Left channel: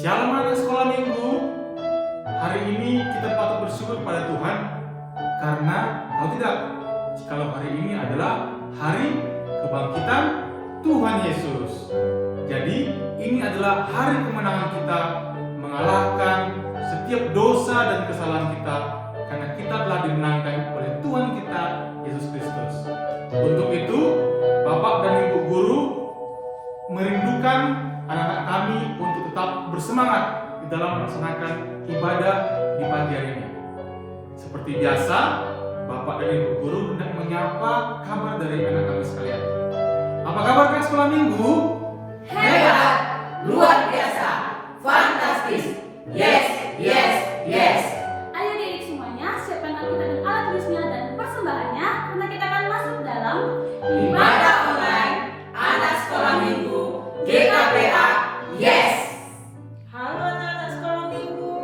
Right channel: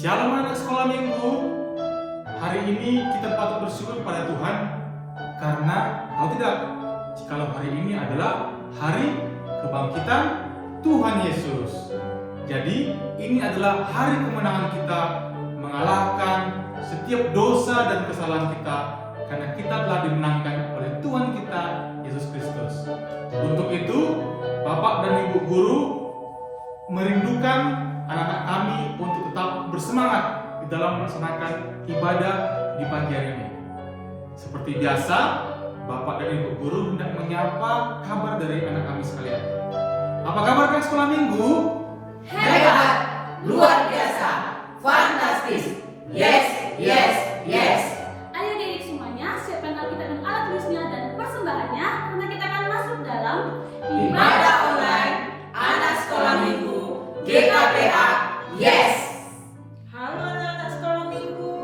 Shalom anak sekolah minggu. Hari ini kita patut bersyukur pada Tuhan karena tahu tidak, jikalau hari ini adalah hari kebangkitan Tuhan Yesus. Jadi ini adalah hari kemenangan kita mengalahkan setiap dosa dan kesalahan kita karena kita telah dimenangkan oleh Tuhan kita Yesus Kristus. Untuk itu, Bapak dan Ibu guru merindukan anak-anak kami untuk tetap bersemangat di dalam melaksanakan ibadah di pagi hari ini. Seperti biasa, Bapak dan Ibu guru hendak menyapa kabar dari anak kami sekalian. Apa kabar kalian sekolah minggu? Hebat, luar biasa, fantastis, yes, yes, yes. Ayo adik semuanya, siapkan Alkitab dan alat tulisnya dan persembahannya karena kita akan masuk dalam Ibadah online, anak sekolah minggu, GKPA, yes. Halo anak-anak sekolah minggu,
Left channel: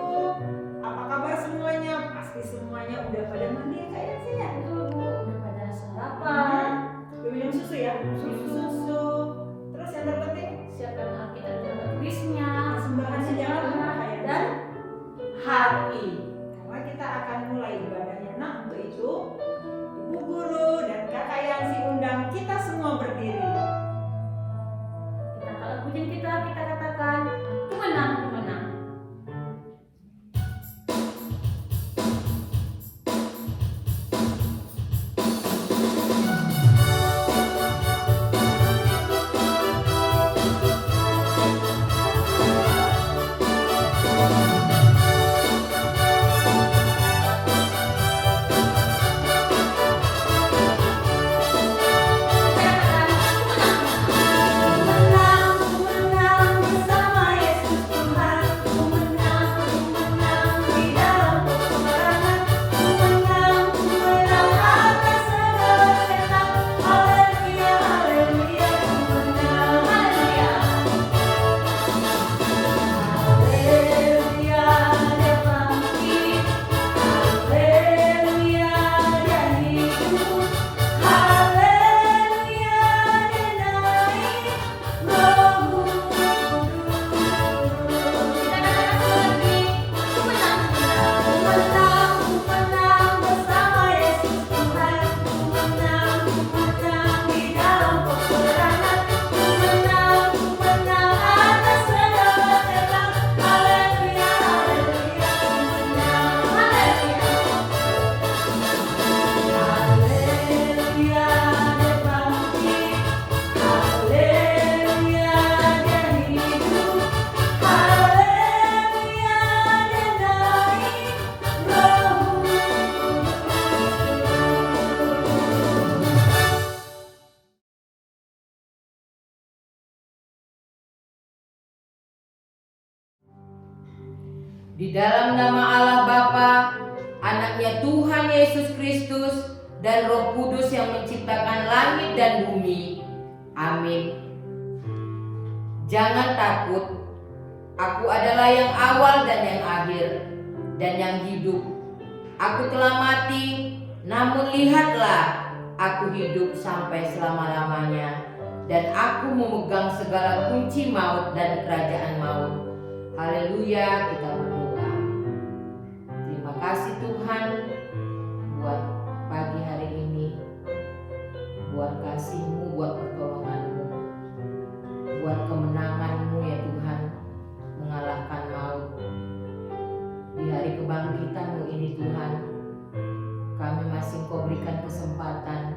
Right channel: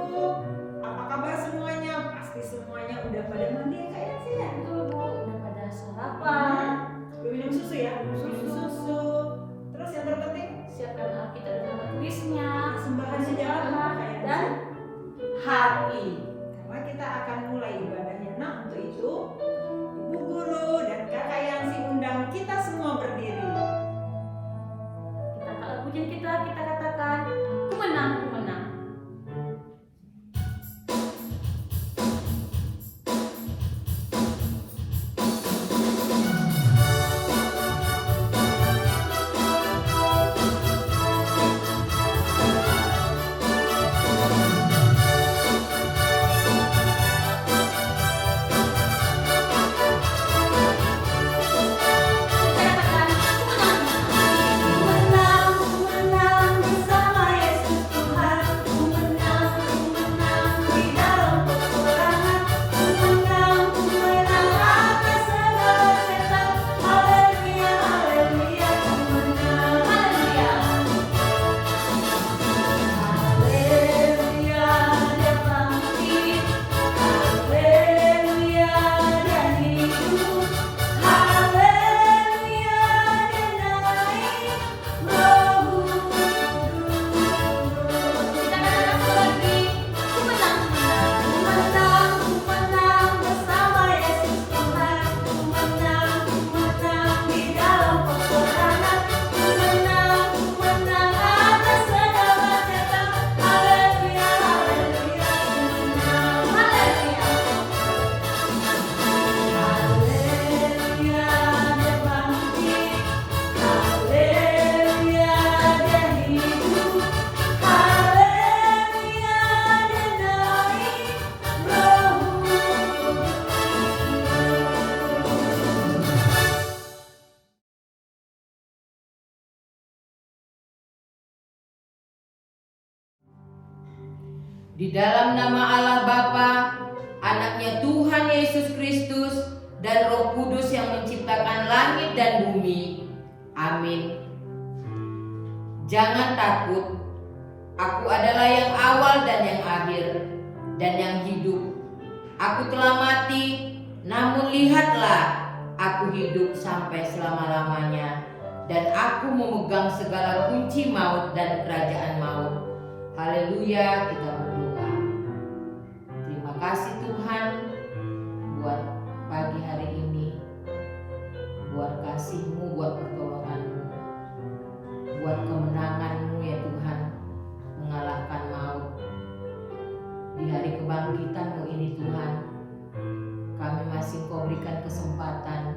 apa kabar semuanya? Pasti semuanya udah pada mandi ya kayaknya sih ya. Itu Bu, udah pada sarapan. Udah minum susu ya? Susu. Terus yang terpenting Siapkan Alkitab dan alat tulisnya, sembahannya jangan lupa ya. dan hati. Karena kita akan mulai ibadahnya. Nah untuk itu ibu guru dan kakak yang diundang kita semua berdiri. Kita kalau pujian kita katakan kemenang, kemenang. Di dalam nama Allah Bapa, anaknya Tuhan Yesus Kristus, dan Roh Kudus yang menciptakan langit dan bumi. Amin. Jangan takut, aku adalah yang awal dan yang akhir, dan yang hidup. Aku telah mati, namun lihatlah, aku hidup sampai selama-lamanya, dan aku memegang segala kunci maut dan kerajaan maut. Haleluya, kita berdoa. Terima kasih Tuhan buat pagi hari ini, buat kasih-Mu, buat pertolongan-Mu, buat kemenangan-Mu ya Tuhan, mengalahkan maut. Di hari kebangkitan-Mu ini Tuhan, kami masih Kau berikan kesempatan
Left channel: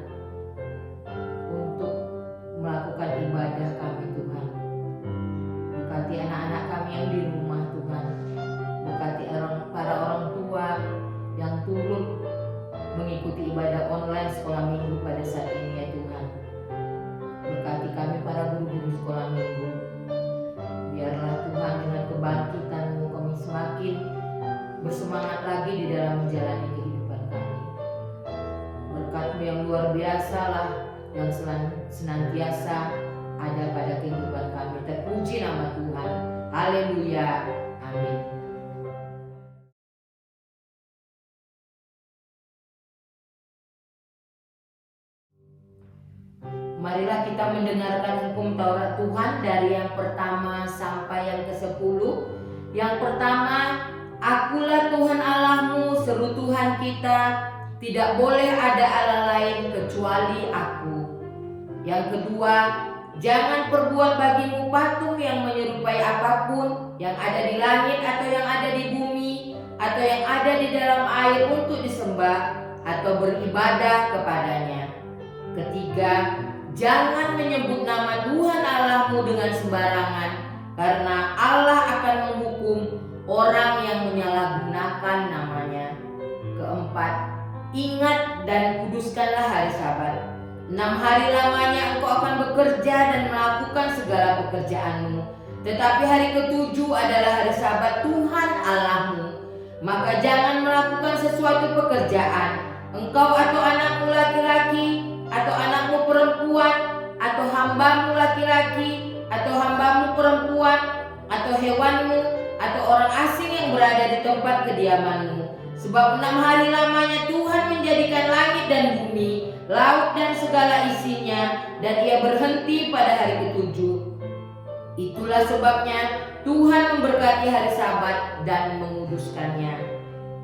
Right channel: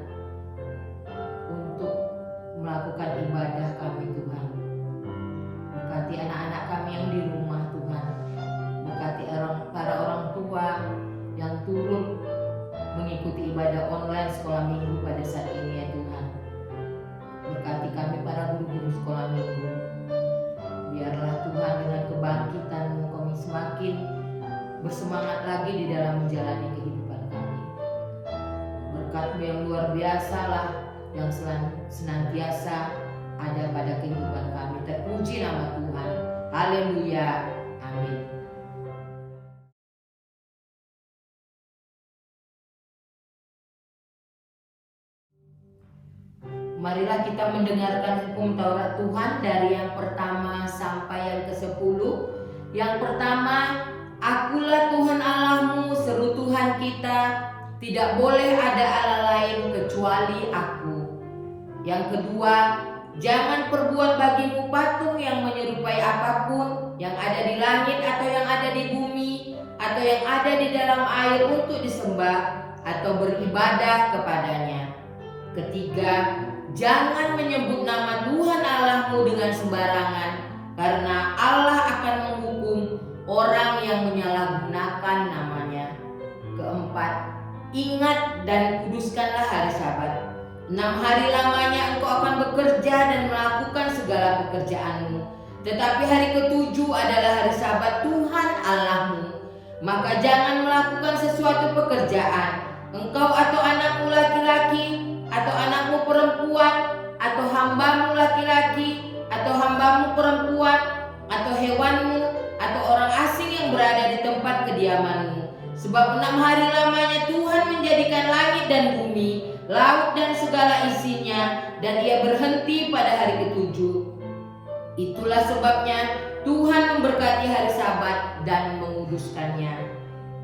untuk melakukan ibadah kami Tuhan. Berkati anak-anak kami yang di rumah Tuhan. Berkati para orang tua yang turut mengikuti ibadah online sekolah minggu pada saat ini ya Tuhan. Berkati kami para guru-guru sekolah minggu. Biarlah Tuhan dengan kebangkitan-Mu kami semakin bersemangat lagi di dalam menjalani kehidupan kami. Berkat-Mu yang luar biasa lah yang senantiasa ada pada kehidupan kami. Terpuji nama Tuhan. Haleluya. Amin. Marilah kita mendengarkan hukum Taurat Tuhan dari yang pertama sampai yang ke-10 Yang pertama, Akulah Tuhan Allahmu, seru Tuhan kita, tidak boleh ada Allah lain kecuali Aku. Yang kedua, jangan perbuat bagimu patung yang menyerupai apapun yang ada di langit atau yang ada di bumi atau yang ada di dalam air untuk disembah atau beribadah kepadanya. Ketiga, jangan menyebut nama Tuhan Allahmu dengan sembarangan, karena Allah akan menghukum orang yang menyalahgunakan namanya. Keempat, ingat dan kuduskanlah hari Sabat. 6 hari lamanya engkau akan bekerja dan melakukan segala pekerjaanmu. Tetapi hari ke-7 adalah hari Sabat Tuhan Allahmu. Maka jangan melakukan sesuatu pekerjaan, engkau atau anakmu laki-laki, atau anakmu perempuan, atau hambamu laki-laki, atau hambamu perempuan, atau hewanmu, atau orang asing yang berada di tempat kediamanmu. Sebab 6 hari lamanya Tuhan menjadikan langit dan bumi, laut dan segala isinya, dan Ia berhenti pada hari ke-7. Itulah sebabnya Tuhan memberkati hari Sabat dan menguduskannya.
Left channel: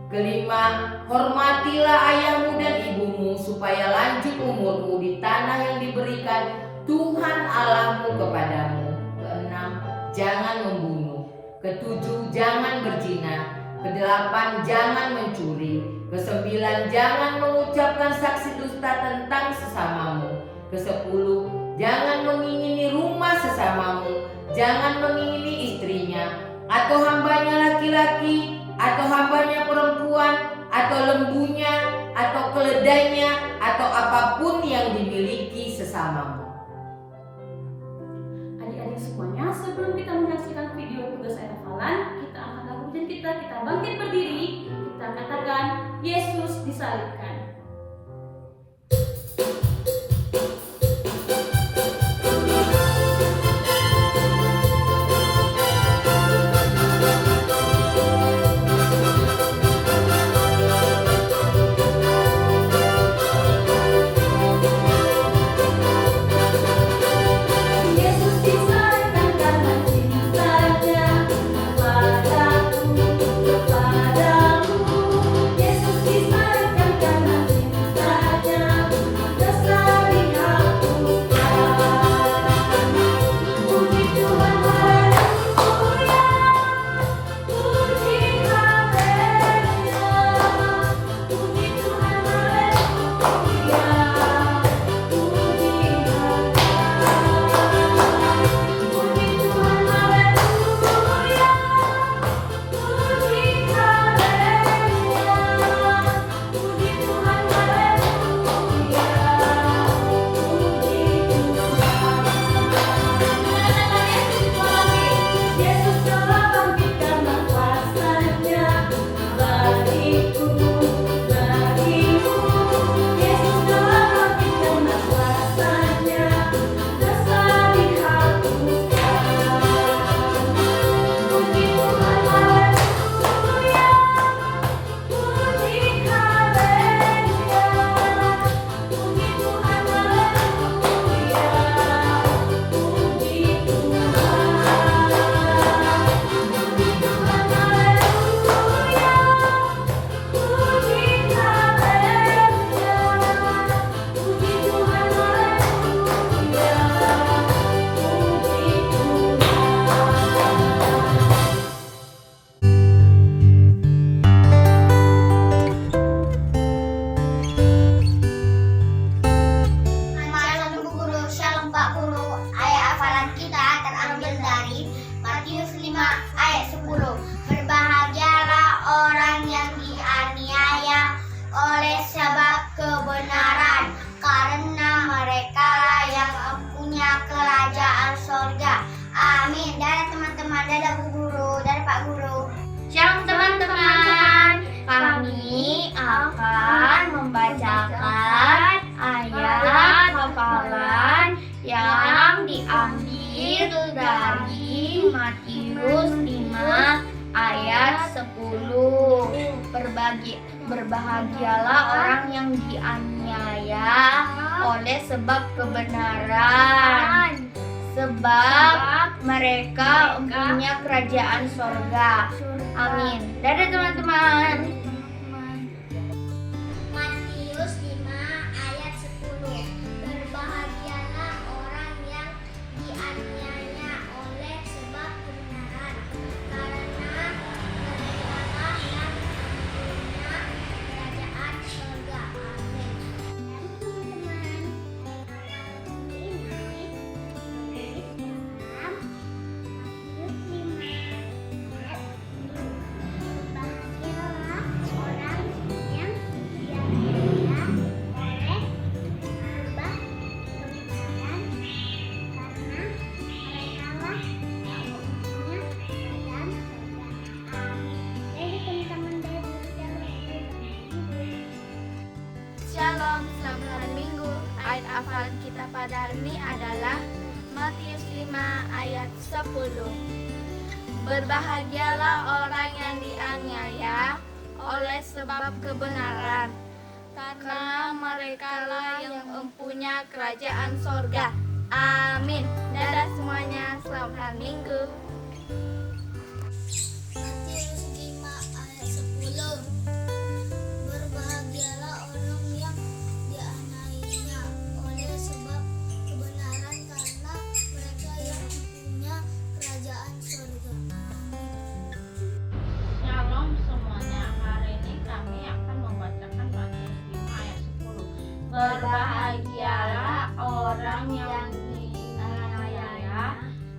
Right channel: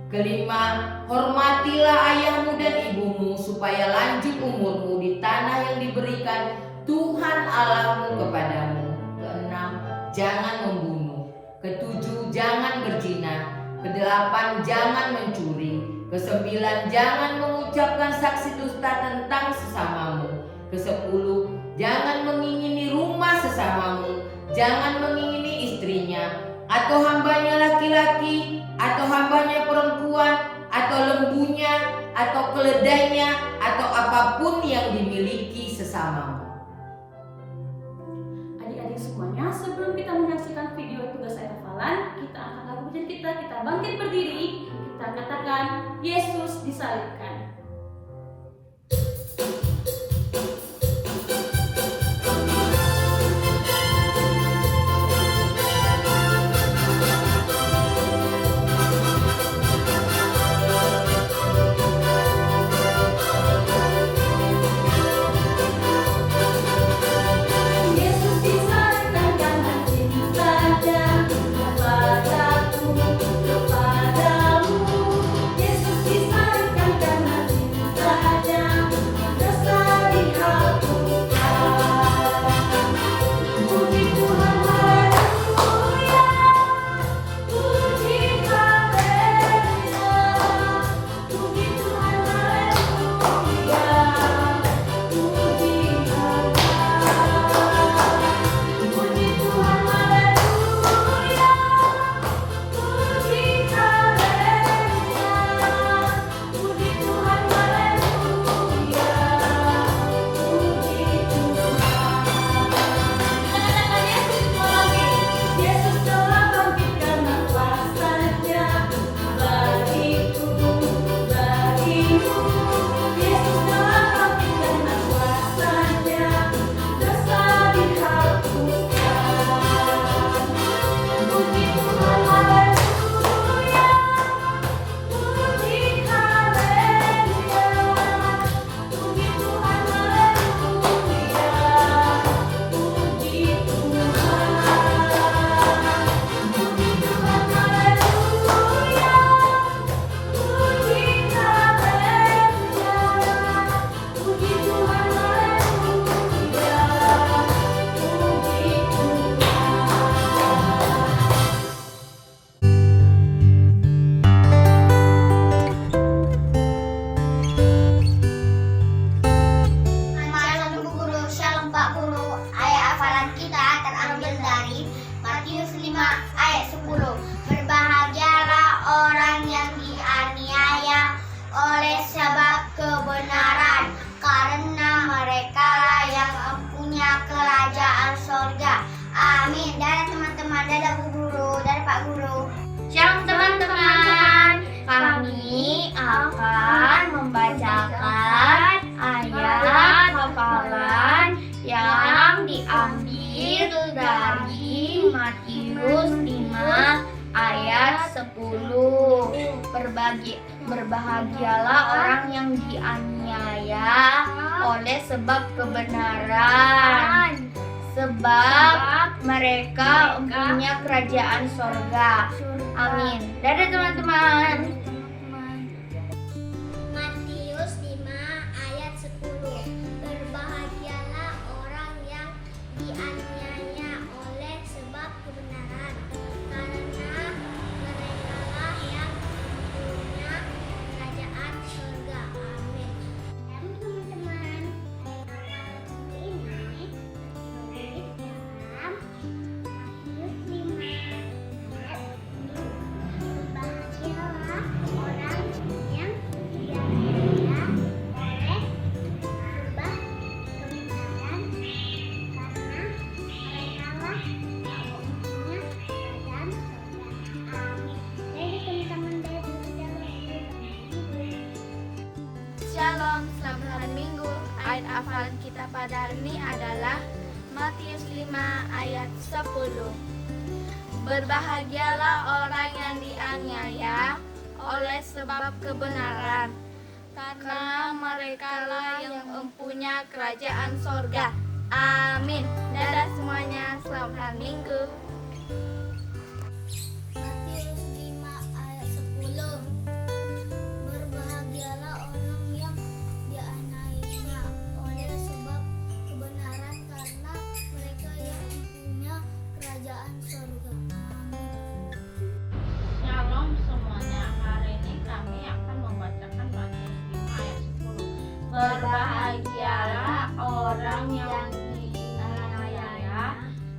Kelima, hormatilah ayahmu dan ibumu supaya lanjut umurmu di tanah yang diberikan Tuhan Allahmu kepadamu. Keenam, jangan membunuh. Ketujuh, jangan berzina. Kedelapan, jangan mencuri. Kesembilan, jangan mengucapkan saksi dusta tentang sesamamu. Kesepuluh, jangan mengingini rumah sesamamu. Jangan mengingini istrinya, atau hambanya laki-laki, atau hambanya perempuan, atau lembunya, atau keledainya, atau apapun yang dimiliki sesamamu. Adik-adik semuanya, sebelum kita menyaksikan video tugas hafalan, kita angkat lagu dan kita bangkit berdiri, kita katakan Yesus disalibkan. Berbahagialah orang yang dianiaya oleh sebab kebenaran, sebab mereka mempunyai kerajaan sorga. Amin. Dadah teman-teman. Matius 5 ayat 10. Berbahagialah orang yang dianiaya oleh sebab kebenaran, karena merekalah yang mempunyai kerajaan surga. Amin. Teman-teman, ini dalam Matius 5 ayat 10. Berbahagialah orang yang dianiaya oleh sebab kebenaran, karena merekalah yang mempunyai kerajaan surga. Amin. Jadi teman-teman dari Shalom, selamat hari Minggu. Ayat hafalan kita pada hari ini adalah Matius 5 ayat 10. Berbahagialah orang yang dianiaya oleh sebab kebenaran, karena merekalah yang mempunyai kerajaan sorga. Amin. Dadah semuanya, selamat hari Minggu. Matius 5 ayat 10. Berbahagialah orang yang dianiaya oleh sebab kebenaran, karena mereka yang mempunyai kerajaan surga. Shalom semuanya, hari ini kami akan membacakan Matius 5 ayat 10. Berbahagialah orang yang dianiaya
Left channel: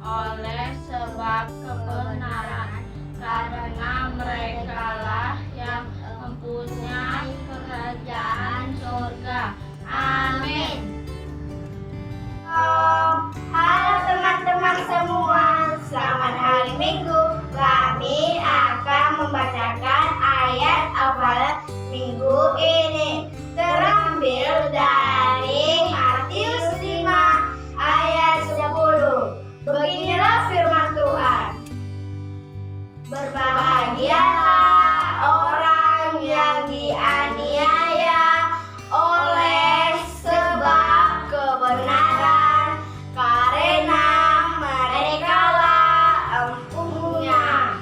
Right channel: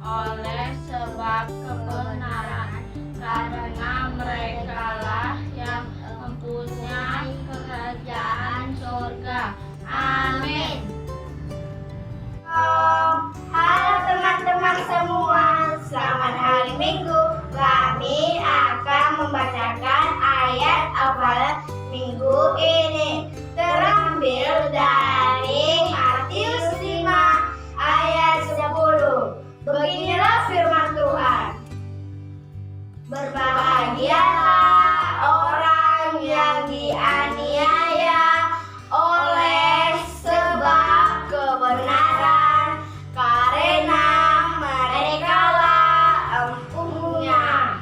oleh sebab kebenaran, karena merekalah yang mempunyai kerajaan surga. Amin. Halo teman-teman semua, selamat hari Minggu. Kami akan membacakan ayat hafalan minggu ini, terambil dari Matius 5 ayat 10. Beginilah firman Tuhan. Berbahagialah orang yang dianiaya oleh sebab kebenaran, karena merekalah empunya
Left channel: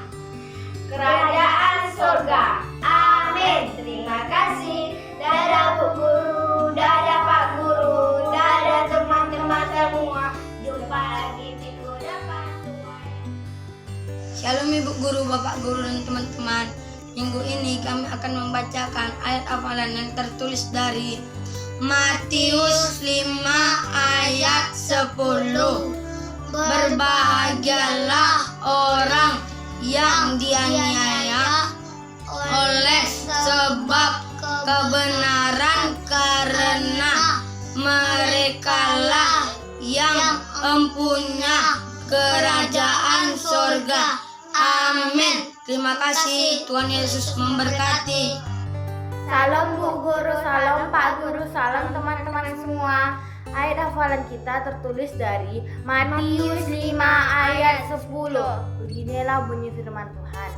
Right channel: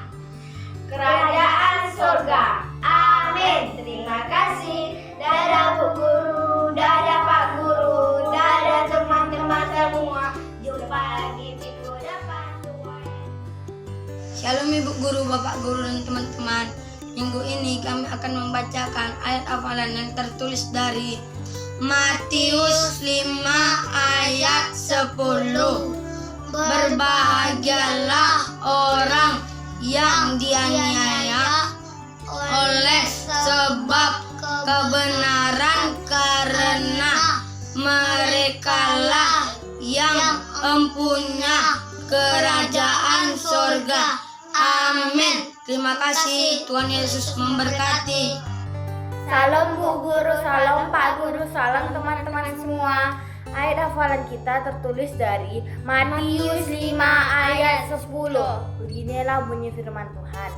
kerajaan surga. Amin. Terima kasih. Dadah Bu Guru, dadah Pak Guru, dadah teman-teman semua. Jumpa lagi minggu depan. Shalom Ibu Guru, Bapak Guru, dan teman-teman. Minggu ini kami akan membacakan ayat hafalan yang tertulis dari Matius 5 ayat 10. Berbahagialah orang yang dianiaya oleh sebab kebenaran, karena merekalah yang mempunyai kerajaan surga. Amin. Terima kasih, Tuhan Yesus memberkati. Salam Bu Guru, salam Pak Guru, salam teman-teman semua. Ayat hafalan kita tertulis dari Matius 5 ayat 10. Beginilah bunyi firman Tuhan.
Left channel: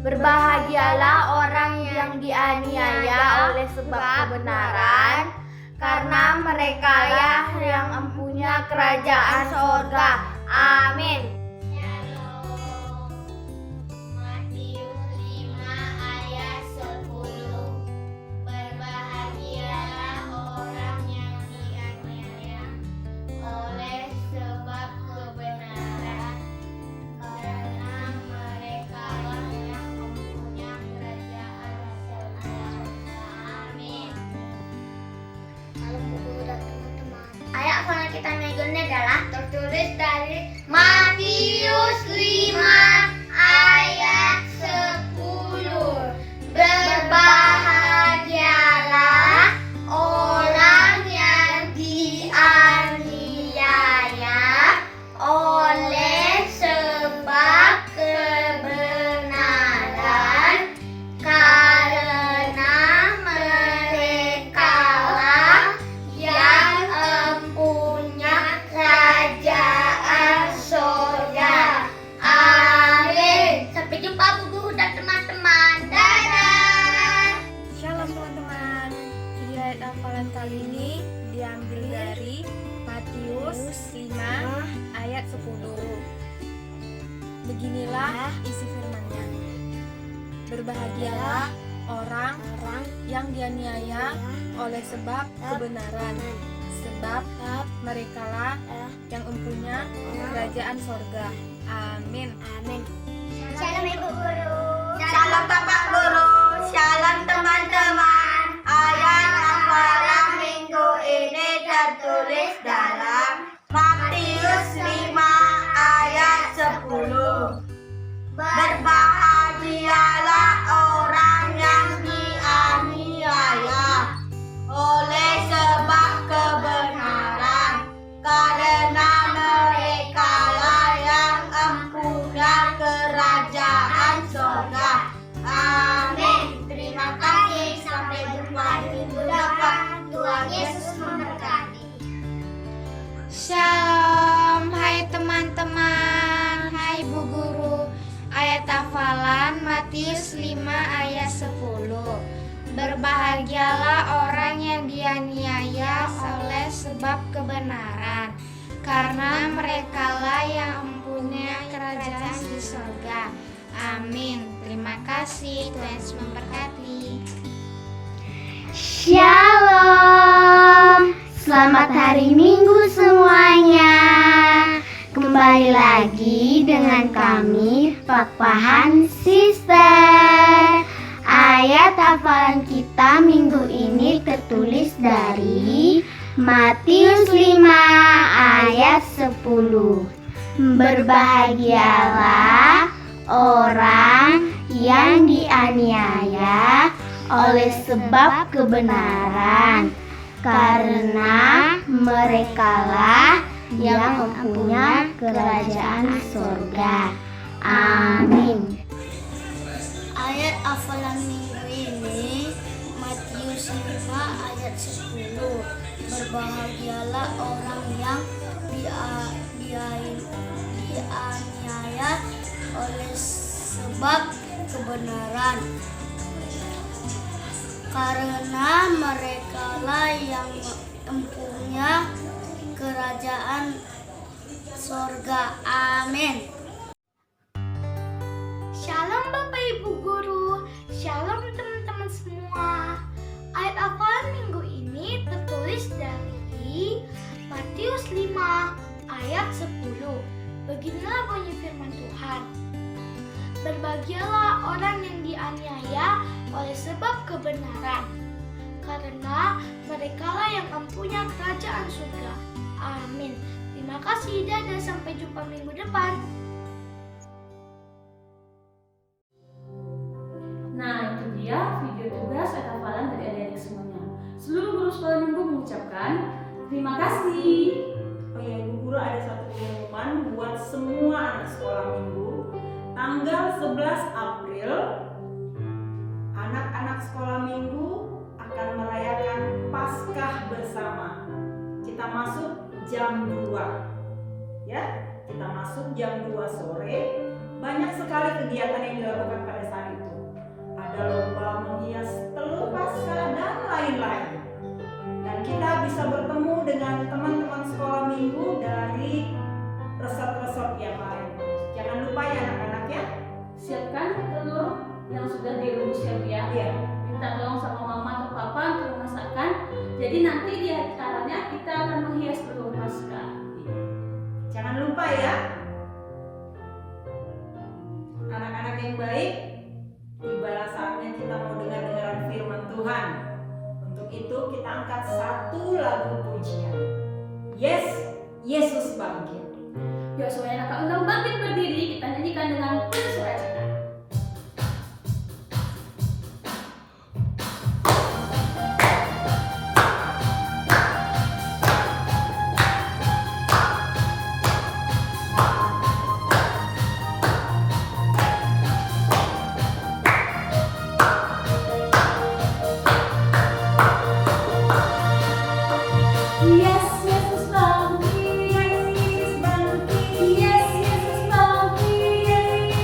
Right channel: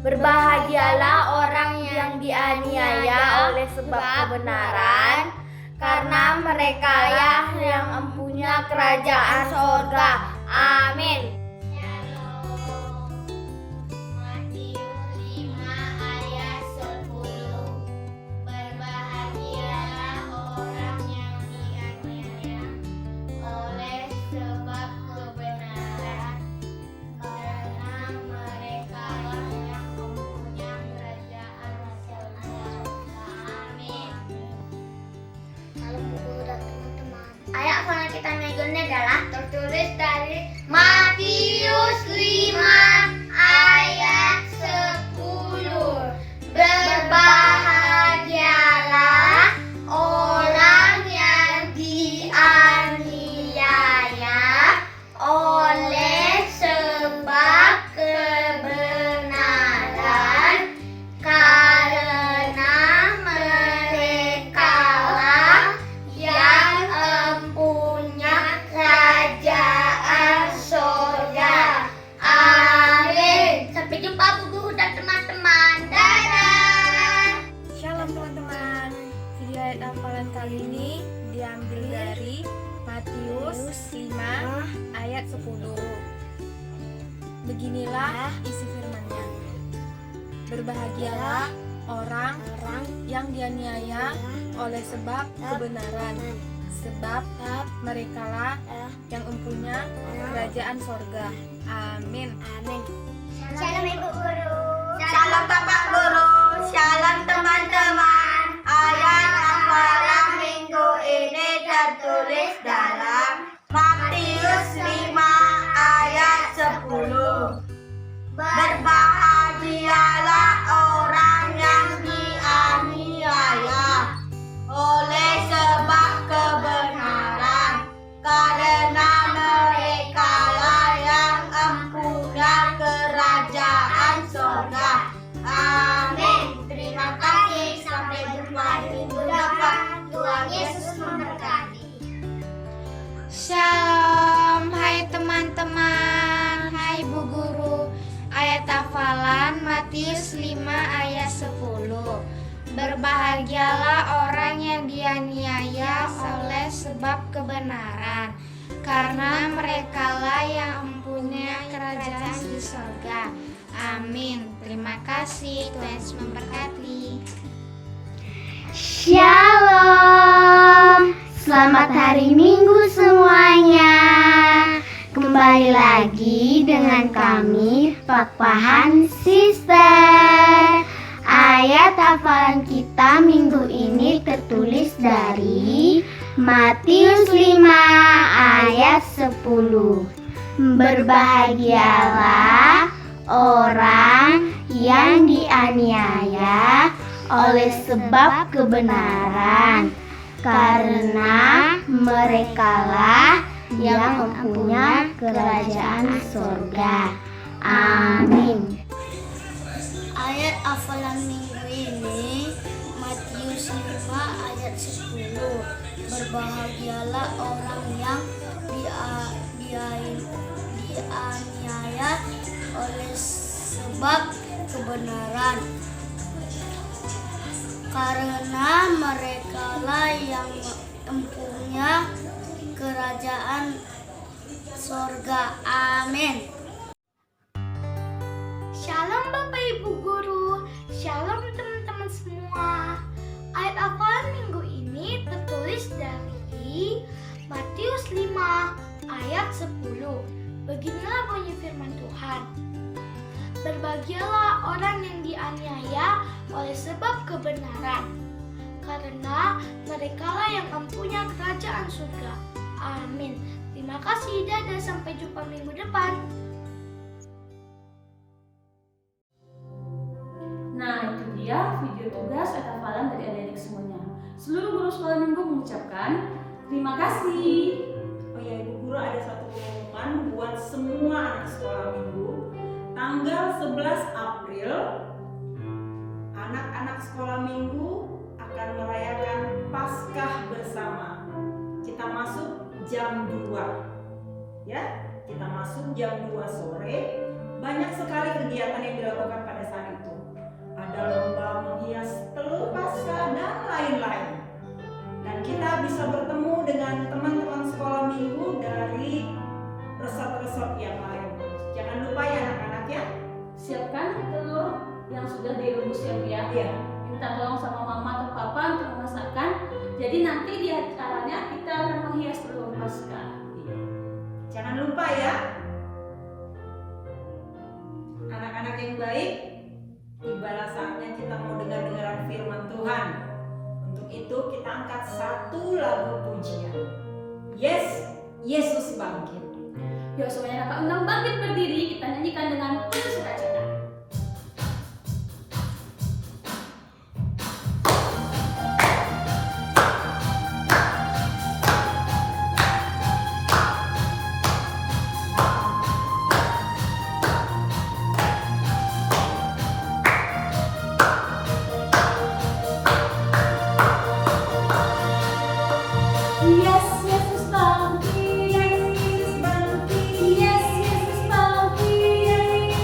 Berbahagialah orang yang dianiaya oleh sebab kebenaran, karena merekalah yang mempunyai kerajaan surga. Amin. Matius 5 ayat 10. Berbahagialah orang yang dianiaya oleh sebab kebenaran, karena merekalah yang mempunyai kerajaan surga. Amin. Salam Bu Guru dan teman-teman. Ayat hafalan kita minggu ini adalah tertulis dari Matius 5 ayat 10. Berbahagialah orang yang dianiaya oleh sebab kebenaran, karena merekalah yang mempunyai kerajaan surga. Amin. Sampai jumpa Bu Guru dan teman-teman. Dadah. Shalom teman-teman. Video ayat hafalan kali ini diambil dari Matius 5 ayat 10. Beginilah isi firman-Nya. Berbahagialah orang yang dianiaya oleh sebab kebenaran, sebab merekalah yang mempunyai kerajaan sorga. Amin. Shalom Ibu Guru. Shalom Bapak Guru, shalom teman-teman. Ayat hafalan minggu ini tertulis dalam Matius 5 ayat 10. Berbahagialah orang yang dianiaya oleh sebab kebenaran, karena merekalah yang mempunyai kerajaan surga. Amin. Terima kasih. Sampai jumpa di minggu depan. Tuhan Yesus memberkati. Shalom, hai teman-teman, hai Bu Guru. Ayat hafalan Matius 5 ayat 10. Berbahagialah orang yang dianiaya oleh sebab kebenaran, karena merekalah yang mempunyai kerajaan di surga. Amin. Terima kasih. Tuhan Yesus memberkati. Shalom, selamat hari Minggu semuanya. Kembali lagi dengan kami, Pakpahan Sister. Ayat hafalan kita minggu ini tertulis dari Matius 5 ayat 10. Berbahagialah orang yang dianiaya oleh sebab kebenaran, karena merekalah yang mempunyai kerajaan surga. Amin. Ayat hafalan minggu ini Matius 5 ayat 10. Berbahagialah orang yang dianiaya oleh sebab kebenaran, karena merekalah yang mempunyai kerajaan sorga. Amin. Shalom Bapak Ibu Guru, shalom teman-teman semua. Ayat hafalan minggu ini tertulis dari Matius 5 ayat 10. Beginilah bunyi firman Tuhan. Berbahagialah orang yang dianiaya oleh sebab kebenaran, karena merekalah yang mempunyai kerajaan surga. Amin. Terima kasih, dadah, sampai jumpa minggu depan. Nah, itu dia video tugas ayat hafalan dari adik-adik semuanya. Seluruh guru sekolah minggu mengucapkan terima kasih. Oh ya, Ibu Guru, ada satu pengumuman buat semua anak sekolah minggu. Tanggal 11 April, anak-anak sekolah minggu akan merayakan Paskah bersama. Kita masuk jam 2. Ya, kita masuk jam 2 sore. Banyak sekali kegiatan yang dilakukan pada saat itu. Ada lomba menghias telur Paskah dan lain-lain. Dan kita bisa bertemu dengan teman-teman sekolah minggu dari resort-resort yang lain. Jangan lupa ya anak-anak ya. Siapkan telur yang sudah direbus ya Bu ya. Iya. Minta tolong sama mama atau papa untuk memasakkan. Jadi nanti di acaranya kita akan menghias telur Paskah. Jangan lupa ya. Anak-anak yang baik, tibalah saatnya kita mau dengar-dengaran firman Tuhan. Untuk itu kita angkat satu lagu pujian. Yes, Yesus bangkit. Yuk semuanya kakak undang bangkit berdiri, kita nyanyikan dengan penuh sukacita. Yes, Yesus bangkit. Yes, Yesus bangkit.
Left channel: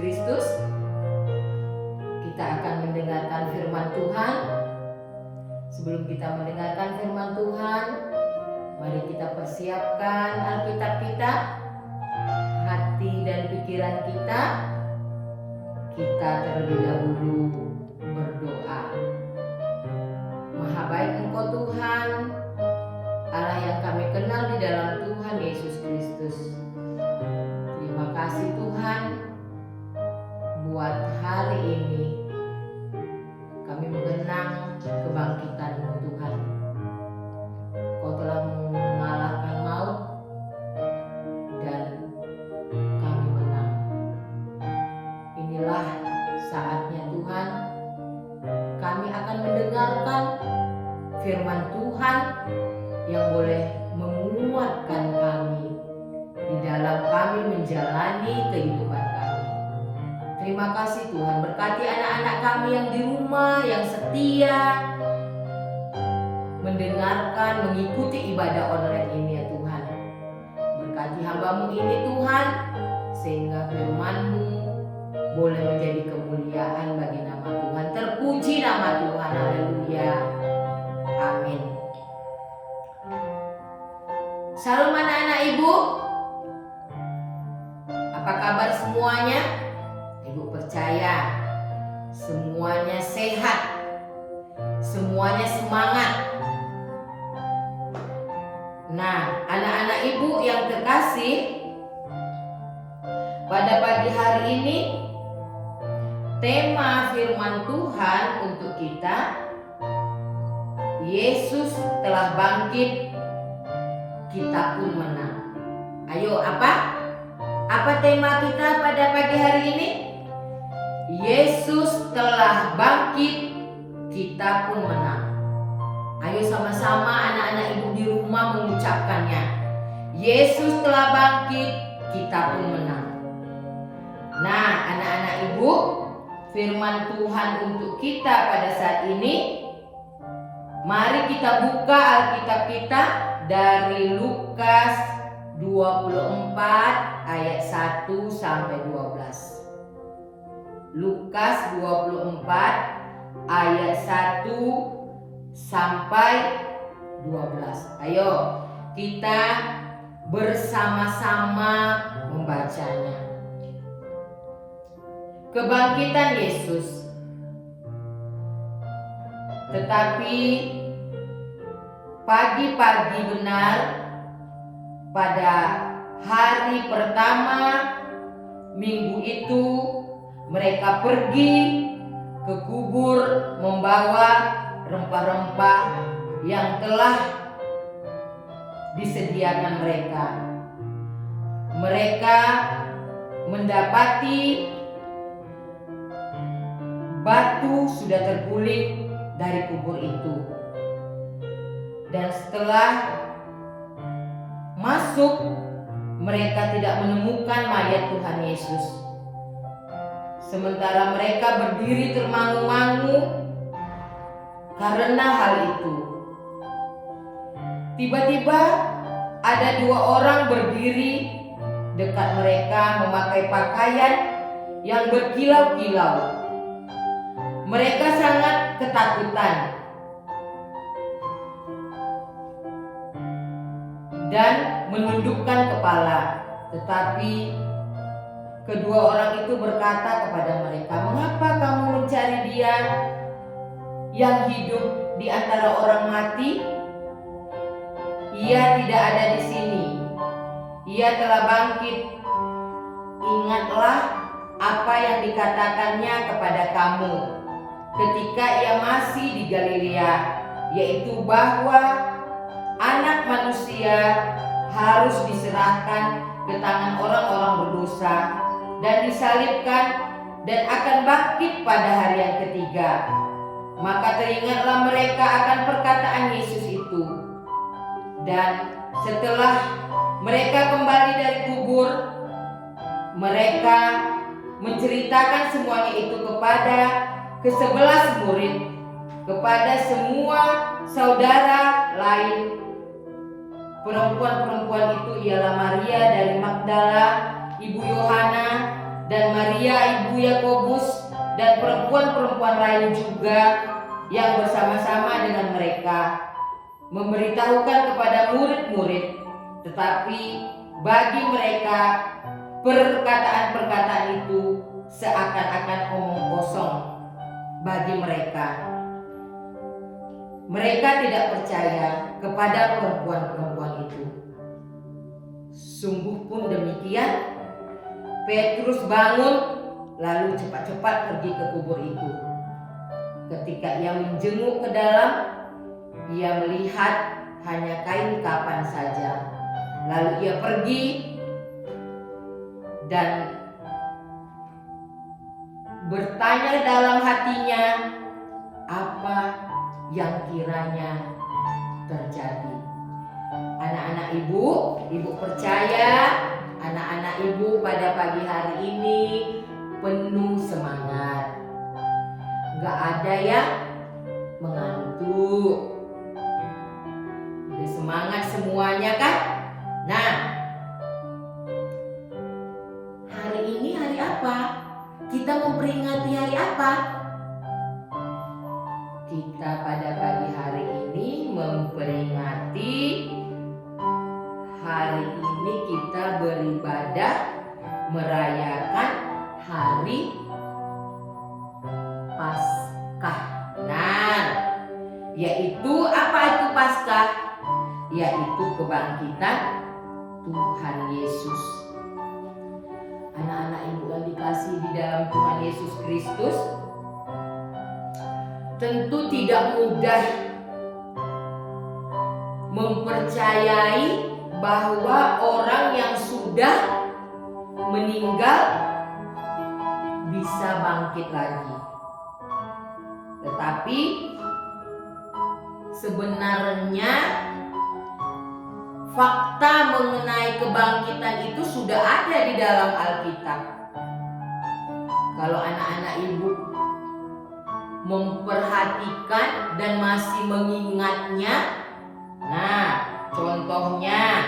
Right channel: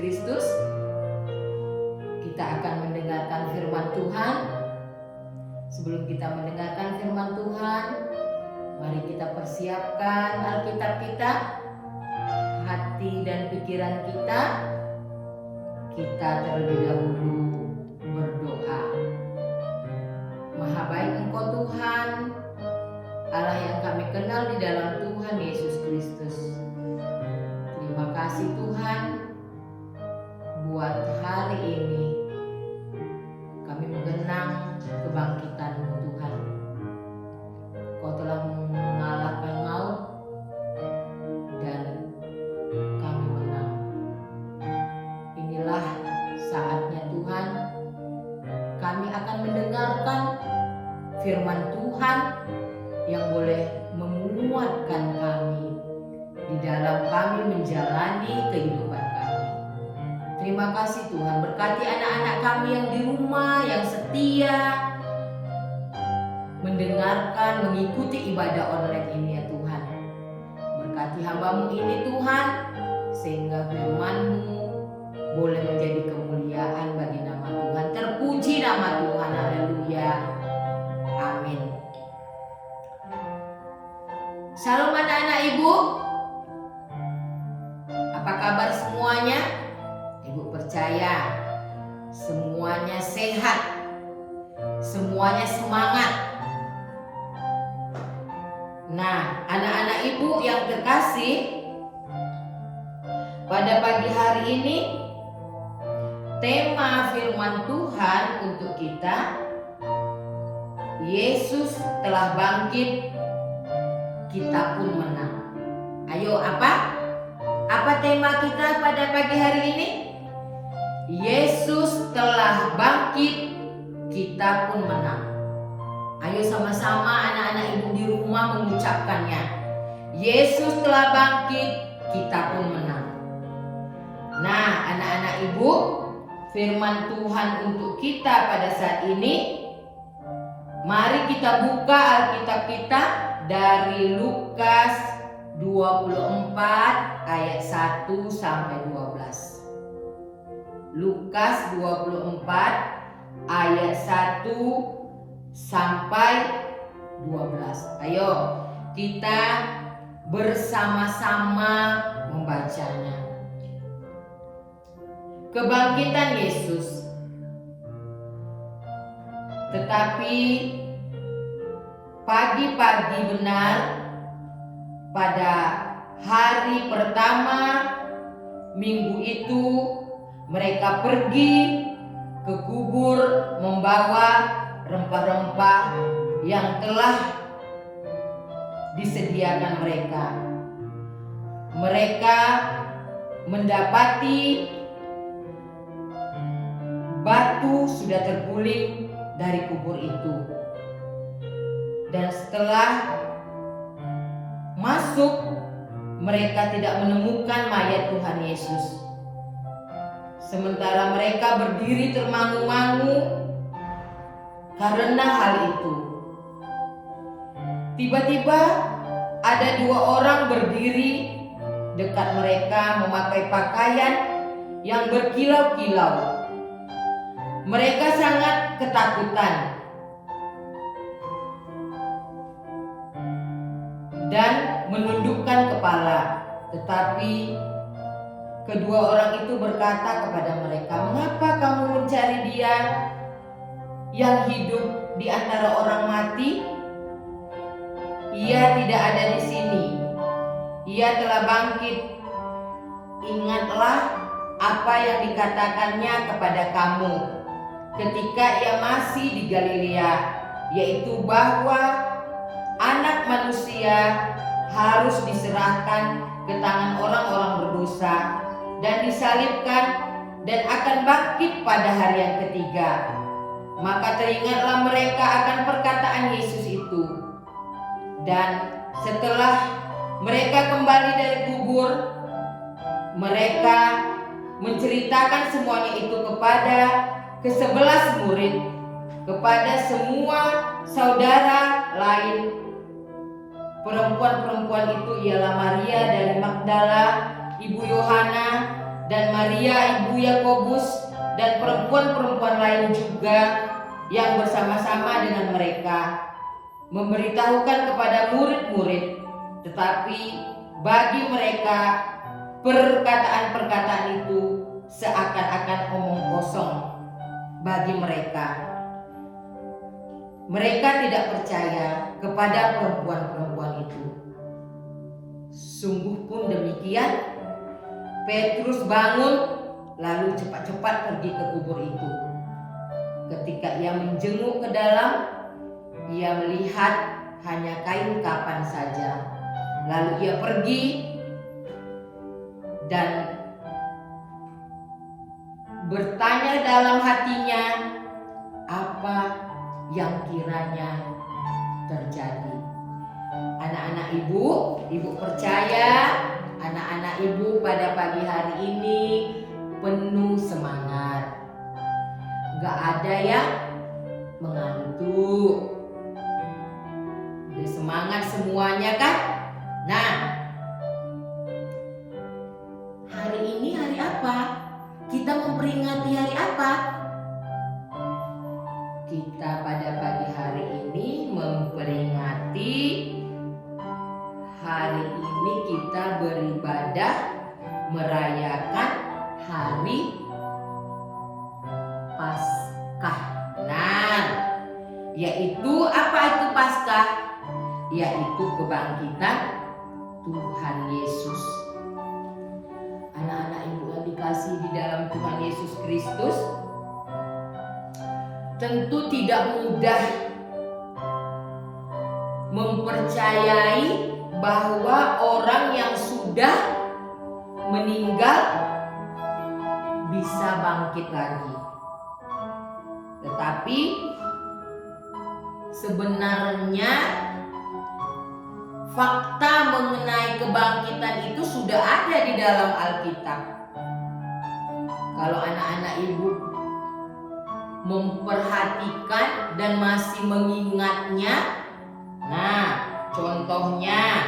Kristus. Kita akan mendengarkan firman Tuhan. Sebelum kita mendengarkan firman Tuhan, mari kita persiapkan Alkitab kita, hati dan pikiran kita. Kita terlebih dahulu berdoa. Maha baik Engkau Tuhan, Allah yang kami kenal di dalam Tuhan Yesus Kristus. Terima kasih Tuhan buat hari ini. Kami mengenang kebangkitan-Mu Tuhan. Kau telah mengalahkan maut dan kami menang. Inilah saatnya Tuhan, kami akan mendengarkan firman Tuhan yang boleh menguatkan kami di dalam kami menjalani kehidupan kami. Terima kasih Tuhan, berkati anak-anak kami yang di rumah, yang setia mendengarkan, mengikuti ibadah online ini ya Tuhan. Berkati hamba-Mu ini Tuhan, sehingga firman-Mu boleh menjadi kemuliaan bagi nama Tuhan. Terpuji nama Tuhan, haleluya, amin. Shalom anak-anak ibu, apa kabar semuanya? Ibu percaya semuanya sehat, semuanya semangat. Nah, anak-anak ibu yang terkasih, pada pagi hari ini tema firman Tuhan untuk kita, Yesus telah bangkit, kita pun menang. Ayo, apa tema kita pada pagi hari ini? Yesus telah bangkit, kita pun menang. Ayo sama-sama anak-anak ibu di rumah mengucapkannya. Yesus telah bangkit, kita pun menang. Nah, anak-anak ibu, firman Tuhan untuk kita pada saat ini, mari kita buka Alkitab kita dari Lukas 24 ayat 1 sampai 12. Lukas 24 ayat 1 sampai 12. Ayo kita bersama-sama membacanya. Kebangkitan Yesus. Tetapi pagi-pagi benar pada hari pertama minggu itu, mereka pergi ke kubur membawa rempah-rempah yang telah disediakan mereka. Mereka mendapati batu sudah terguling dari kubur itu. Dan setelah masuk, mereka tidak menemukan mayat Tuhan Yesus. Sementara mereka berdiri termangu-mangu karena hal itu. Tiba-tiba ada dua orang berdiri dekat mereka memakai pakaian yang berkilau-kilau. Mereka sangat ketakutan dan menundukkan kepala. Tetapi kedua orang itu berkata kepada mereka, "Mengapa kamu mencari Dia yang hidup di antara orang mati? Ia tidak ada di sini. Ia telah bangkit. Ingatlah apa yang dikatakannya kepada kamu ketika ia masih di Galilea, yaitu bahwa Anak Manusia harus diserahkan ke tangan orang-orang berdosa dan disalibkan dan akan bangkit pada hari yang ketiga." Maka teringatlah mereka akan perkataan Yesus itu. Dan setelah mereka kembali dari kubur, mereka menceritakan semuanya itu kepada ke-11 murid, kepada semua saudara lain. Perempuan-perempuan itu ialah Maria dari Magdala, ibu Yohana, dan Maria ibu Yakobus dan perempuan-perempuan lain juga yang bersama-sama dengan mereka memberitahukan kepada murid-murid, tetapi bagi mereka perkataan-perkataan itu seakan-akan omong kosong bagi mereka. Mereka tidak percaya kepada perempuan-perempuan itu. Sungguh pun demikian, Petrus bangun lalu cepat-cepat pergi ke kubur itu. Ketika ia menjenguk ke dalam, ia melihat hanya kain kafan saja. Lalu ia pergi dan bertanya dalam hatinya apa yang kiranya terjadi. Anak-anak ibu percaya anak-anak ibu pada pagi hari ini penuh semangat. Gak ada yang mengantuk. Udah semangat semuanya kan? Nah, hari ini hari apa? Kita memperingati hari apa? Kita pada pagi hari ini memperingati hari ini kita beribadah merayakan hari Paskah. Nah, yaitu apa itu Paskah? Yaitu kebangkitan Tuhan Yesus. Anak-anak ibu yang dikasihi di dalam Tuhan Yesus Kristus, tentu tidak mudah mempercayai bahwa orang yang sudah meninggal bisa bangkit lagi. Tetapi sebenarnya fakta mengenai kebangkitan itu sudah ada di dalam Alkitab. Kalau anak-anak ibu memperhatikan dan masih mengingatnya, nah contohnya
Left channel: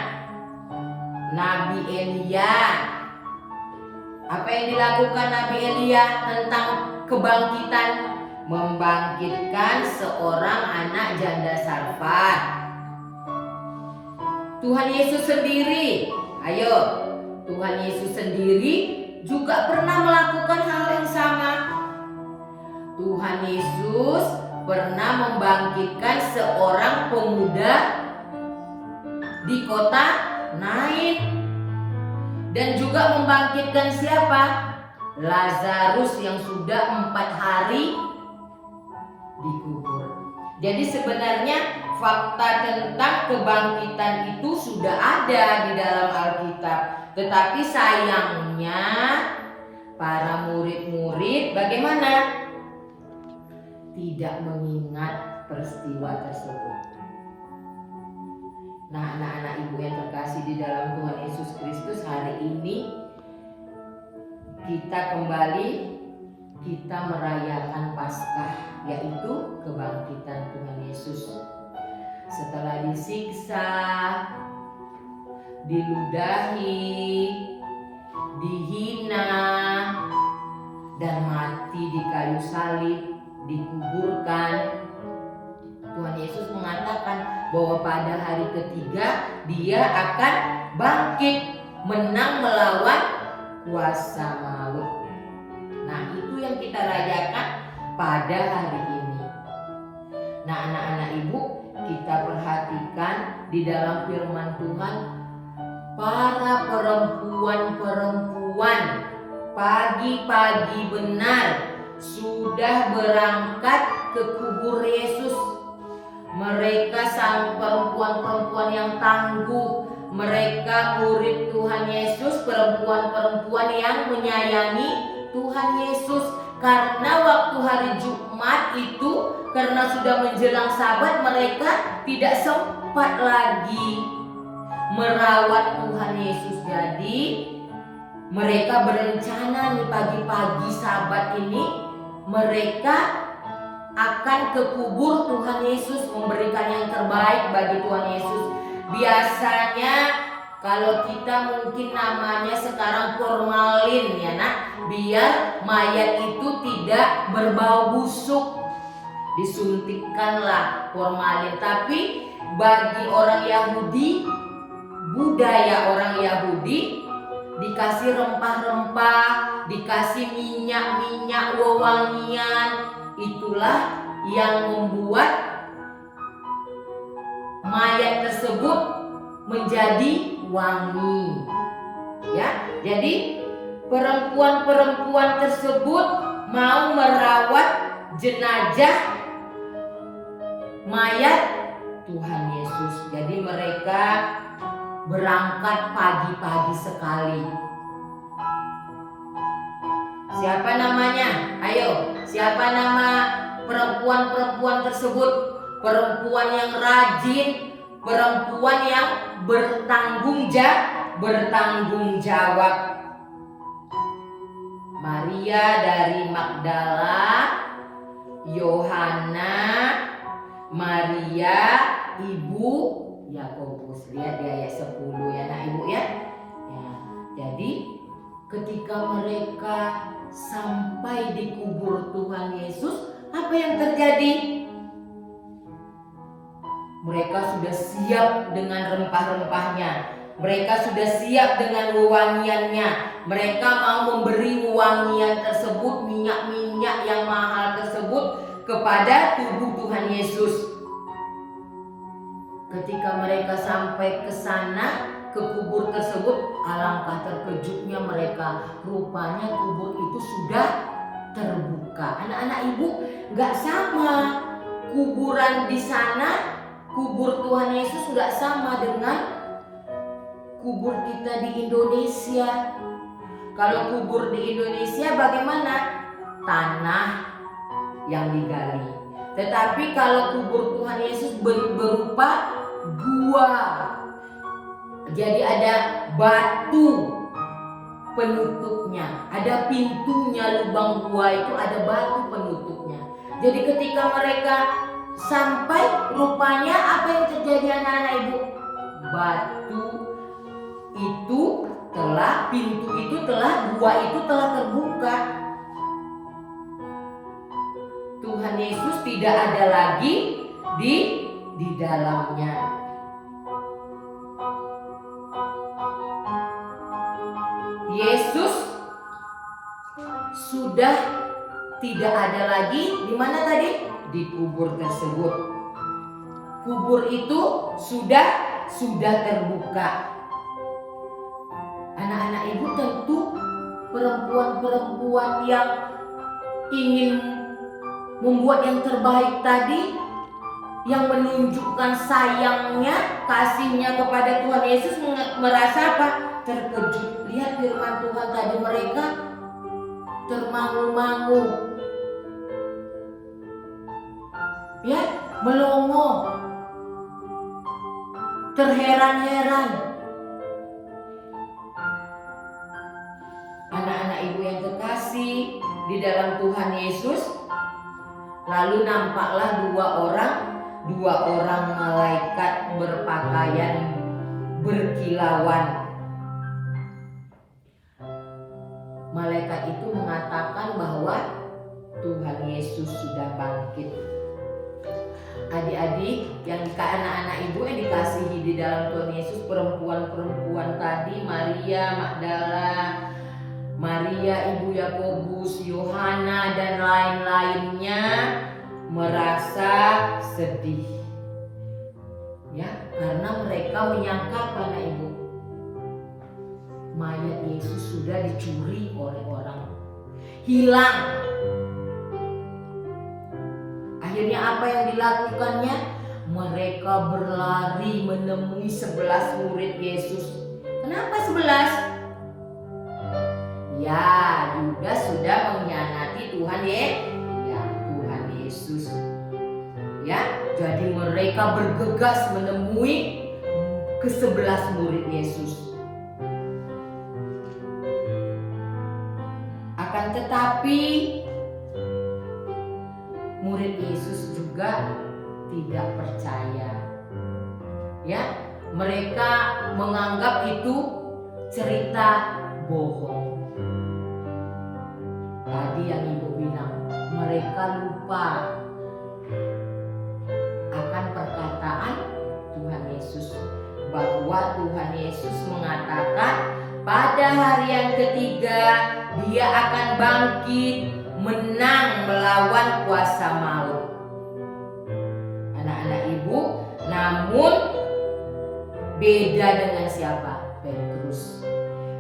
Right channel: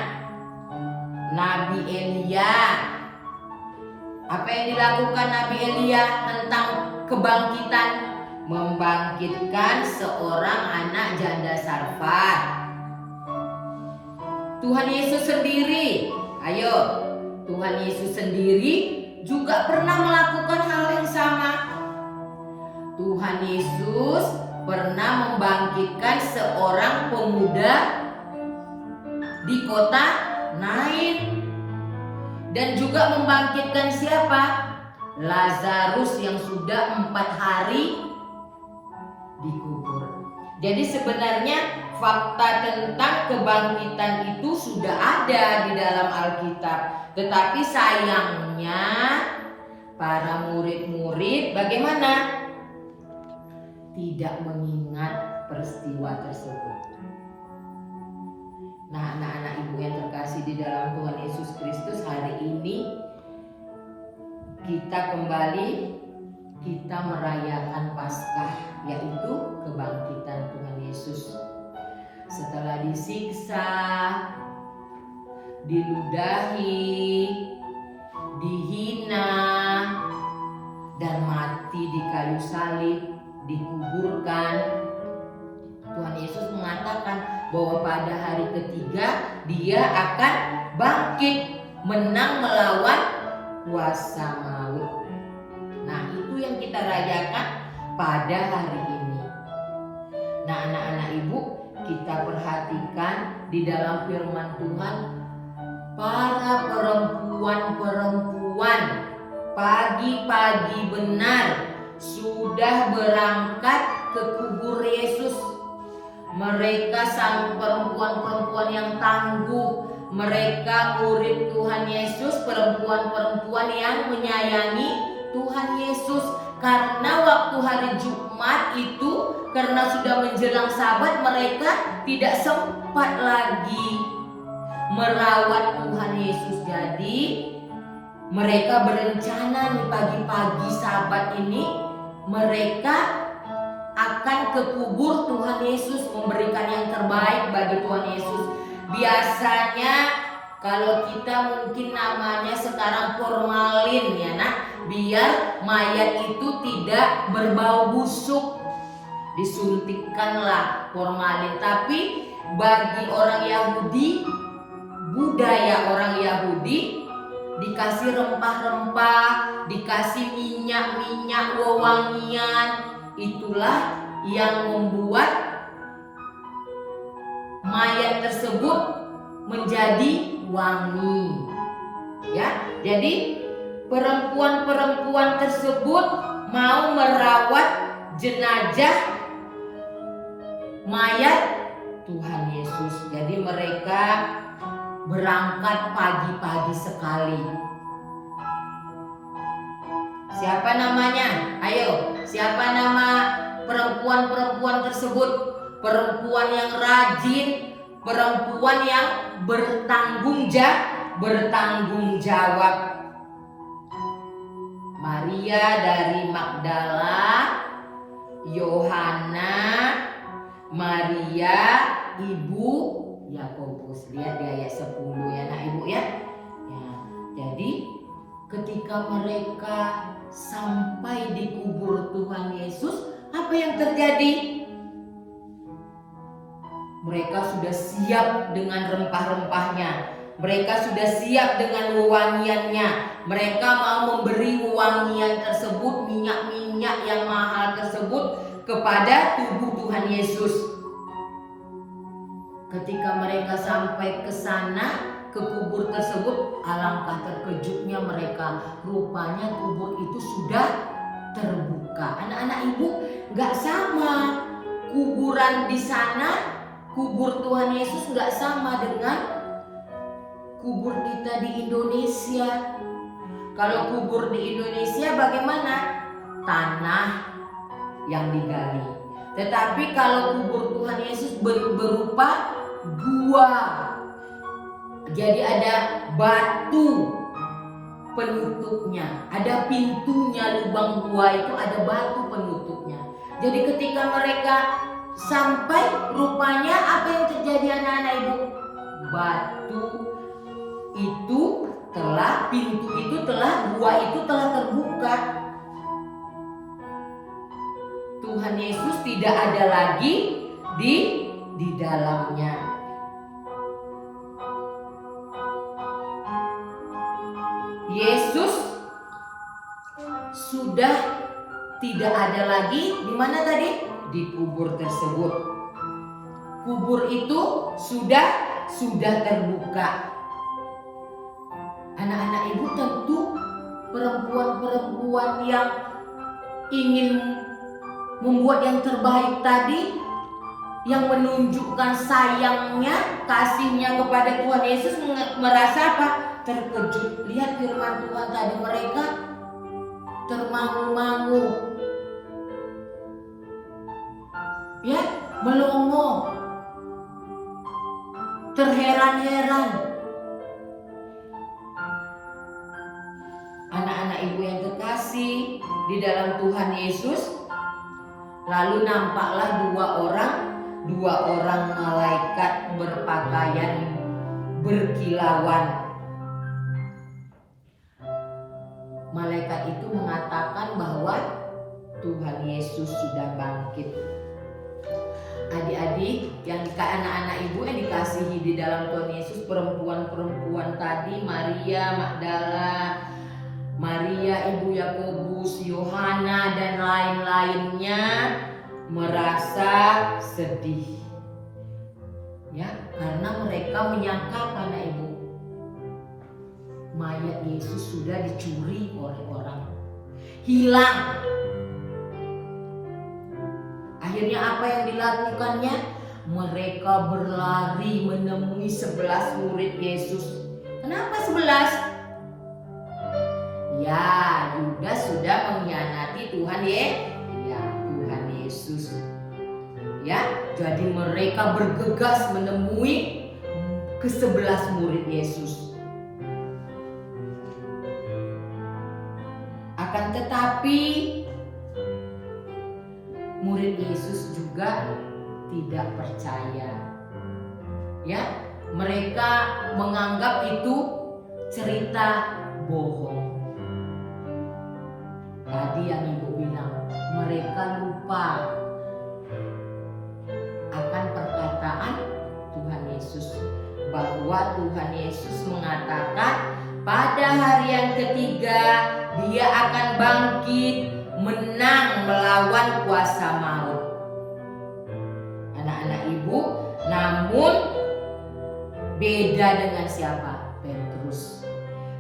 Nabi Elia. Apa yang dilakukan Nabi Elia tentang kebangkitan? Membangkitkan seorang anak janda Sarfat. Tuhan Yesus sendiri, ayo, Tuhan Yesus sendiri juga pernah melakukan hal yang sama. Tuhan Yesus pernah membangkitkan seorang pemuda di kota Nain, dan juga membangkitkan siapa? Lazarus yang sudah 4 hari dikubur. Jadi sebenarnya fakta tentang kebangkitan itu sudah ada di dalam Alkitab. Tetapi sayangnya para murid-murid bagaimana? Tidak mengingat peristiwa tersebut. Nah, anak-anak ibu yang terkasih di dalam Tuhan Yesus Kristus, hari ini kita merayakan Paskah, yaitu kebangkitan Tuhan Yesus. Setelah disiksa, diludahi, dihina, dan mati di kayu salib, dikuburkan, Tuhan Yesus mengatakan bahwa pada hari ketiga Dia akan bangkit, menang melawan kuasa maut. Nah, itu yang kita rayakan pada hari ini. Nah, anak-anak ibu, kita perhatikan di dalam firman Tuhan, para perempuan-perempuan pagi-pagi benar sudah berangkat ke kubur Yesus. Mereka sang perempuan-perempuan yang tangguh, mereka murid Tuhan Yesus, perempuan-perempuan yang menyayangi Tuhan Yesus. Karena waktu hari Jumat itu, karena sudah menjelang Sabat, mereka tidak sempat lagi merawat Tuhan Yesus. Jadi mereka berencana nih pagi-pagi Sabat ini mereka akan ke kubur Tuhan Yesus, memberikan yang terbaik bagi Tuhan Yesus. Biasanya Kalau kita mungkin namanya sekarang formalin ya nak, biar mayat itu tidak berbau busuk, disuntikkanlah formalin. Tapi bagi orang Yahudi, budaya orang Yahudi, dikasih rempah-rempah, dikasih minyak-minyak wewangian, itulah yang membuat mayat tersebut menjadi wangi. Ya, jadi perempuan-perempuan tersebut mau merawat jenazah mayat Tuhan Yesus. Jadi mereka berangkat pagi-pagi sekali. Siapa namanya? Ayo, siapa nama perempuan-perempuan tersebut? Perempuan yang rajin, perempuan yang bertanggung jawab. Maria dari Magdala, Yohana, Maria ibu Yakobus. Lihat di ayat 10 ya nak ibu ya. Ya, jadi ketika mereka sampai di kubur Tuhan Yesus, apa yang terjadi? Mereka sudah siap dengan rempah-rempahnya. Mereka sudah siap dengan wewangiannya. Mereka mau memberi wewangian tersebut, minyak-minyak yang mahal tersebut kepada tubuh Tuhan Yesus. Ketika mereka sampai ke sana, ke kubur tersebut, alangkah terkejutnya mereka. Rupanya kubur itu sudah terbuka. Anak-anak ibu, gak sama. Kuburan di sana, kubur Tuhan Yesus gak sama dengan kubur kita di Indonesia. Kalau kubur di Indonesia bagaimana? Tanah yang digali. Tetapi kalau kubur Tuhan Yesus berupa gua. Jadi ada batu penutupnya, ada pintunya, lubang gua itu ada batu penutupnya. Jadi ketika mereka sampai, rupanya apa yang terjadi anak-anak ibu? Batu itu telah, pintu itu telah, gua itu telah terbuka. Tuhan Yesus tidak ada lagi di dalamnya. Yesus sudah tidak ada lagi di mana tadi? Di kubur tersebut. Kubur itu sudah terbuka. Anak-anak ibu, tentu perempuan-perempuan yang ingin membuat yang terbaik tadi, yang menunjukkan sayangnya, kasihnya kepada Tuhan Yesus, merasa apa? Terkejut. Lihat firman Tuhan tadi, mereka termangu-mangu, ya, melongo, terheran-heran. Anak-anak ibu yang terkasih di dalam Tuhan Yesus, lalu nampaklah dua orang malaikat berpakaian berkilauan. Malaikat itu mengatakan bahwa Tuhan Yesus sudah bangkit. Adik-adik, anak-anak ibu yang dikasihi di dalam Tuhan Yesus, perempuan-perempuan tadi, Maria Magdala, Maria ibu Yakobus, Yohana dan lain-lainnya merasa sedih. Ya, karena mereka menyangka anak ibu, mayat Yesus sudah dicuri oleh orang, hilang. Akhirnya apa yang dilakukannya? Mereka berlari menemui 11 murid Yesus. Kenapa 11? Ya, Yudas sudah mengkhianati Tuhan Tuhan Yesus. Ya, jadi mereka bergegas menemui ke-11 murid Yesus. Akan tetapi murid Yesus juga tidak percaya. Ya, mereka menganggap itu cerita bohong. Tadi yang ibu bilang, mereka lupa akan perkataan Tuhan Yesus, bahwa Tuhan Yesus mengatakan pada hari yang ketiga dia akan bangkit menang melawan kuasa maut. Anak-anak ibu, namun beda dengan siapa? Petrus.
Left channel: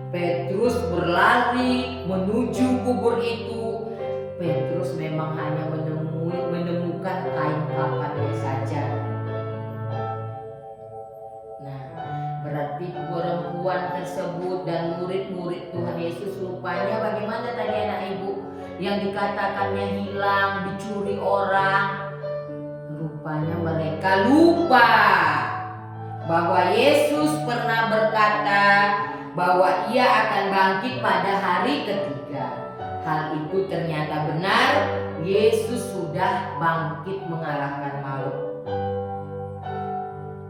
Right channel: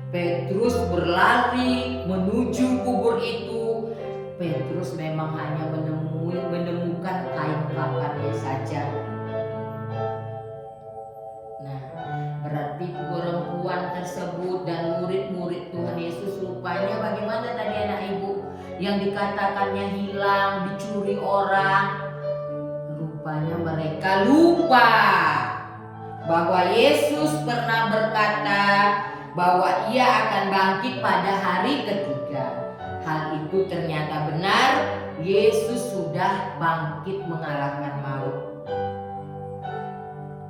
Petrus berlari menuju kubur itu. Petrus memang hanya menemukan kain kafannya saja. Nah, berarti perempuan tersebut dan murid-murid Tuhan Yesus rupanya bagaimana tadi anak ibu? Yang dikatakannya hilang, dicuri orang. Rupanya mereka lupa bahwa Yesus pernah berkata bahwa ia akan bangkit pada hari ketiga. Hal itu ternyata benar, Yesus sudah bangkit mengalahkan maut.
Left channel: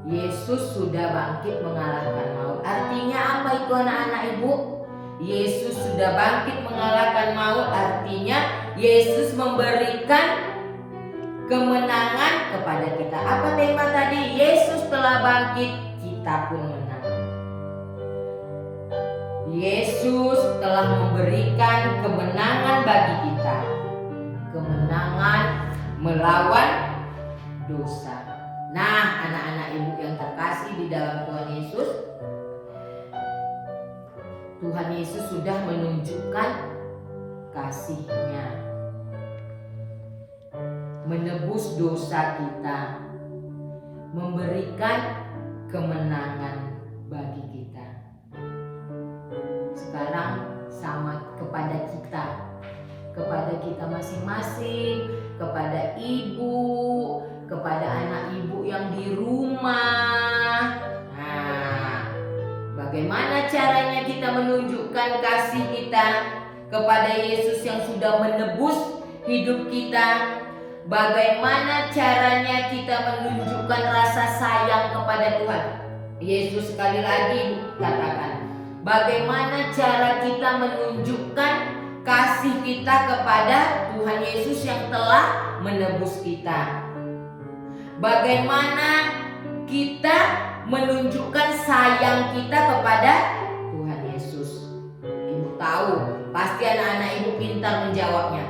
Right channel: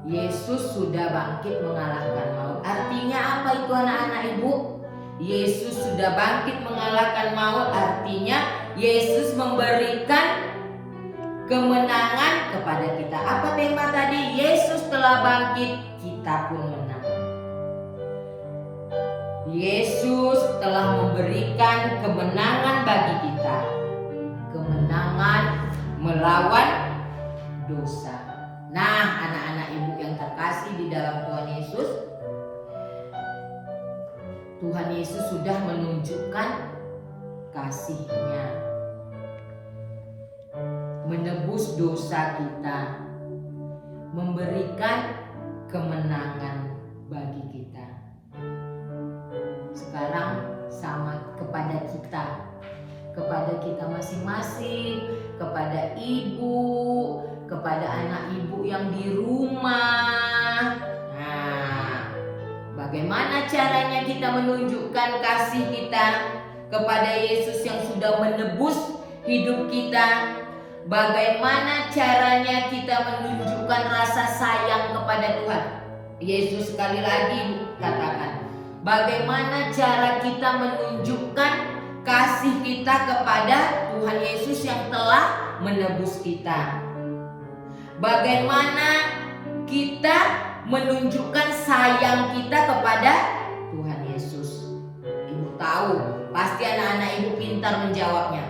Yesus sudah bangkit mengalahkan maut. Artinya apa itu anak-anak ibu? Yesus sudah bangkit mengalahkan maut, artinya Yesus memberikan kemenangan kepada kita. Apa tema tadi? Yesus telah bangkit, kita pun menang. Yesus telah memberikan kemenangan bagi kita. Kemenangan melawan dosa. Nah, anak-anak ibu yang terkasih di dalam Tuhan Yesus, Tuhan Yesus sudah menunjukkan kasih-Nya, menebus dosa kita, memberikan kemenangan bagi kita. Sekarang sama kepada kita masing-masing, kepada ibu, kepada anak ibu yang di rumah. Nah, bagaimana caranya kita menunjukkan kasih kita kepada Yesus yang sudah menebus hidup kita? Bagaimana caranya kita menunjukkan rasa sayang kepada Tuhan? Yesus sekali lagi katakan, bagaimana cara kita menunjukkan kasih kita kepada Tuhan Yesus yang telah menebus kita? Bagaimana kita menunjukkan sayang kita kepada Tuhan Yesus? Ibu tahu, pasti anak-anak ibu pintar menjawabnya.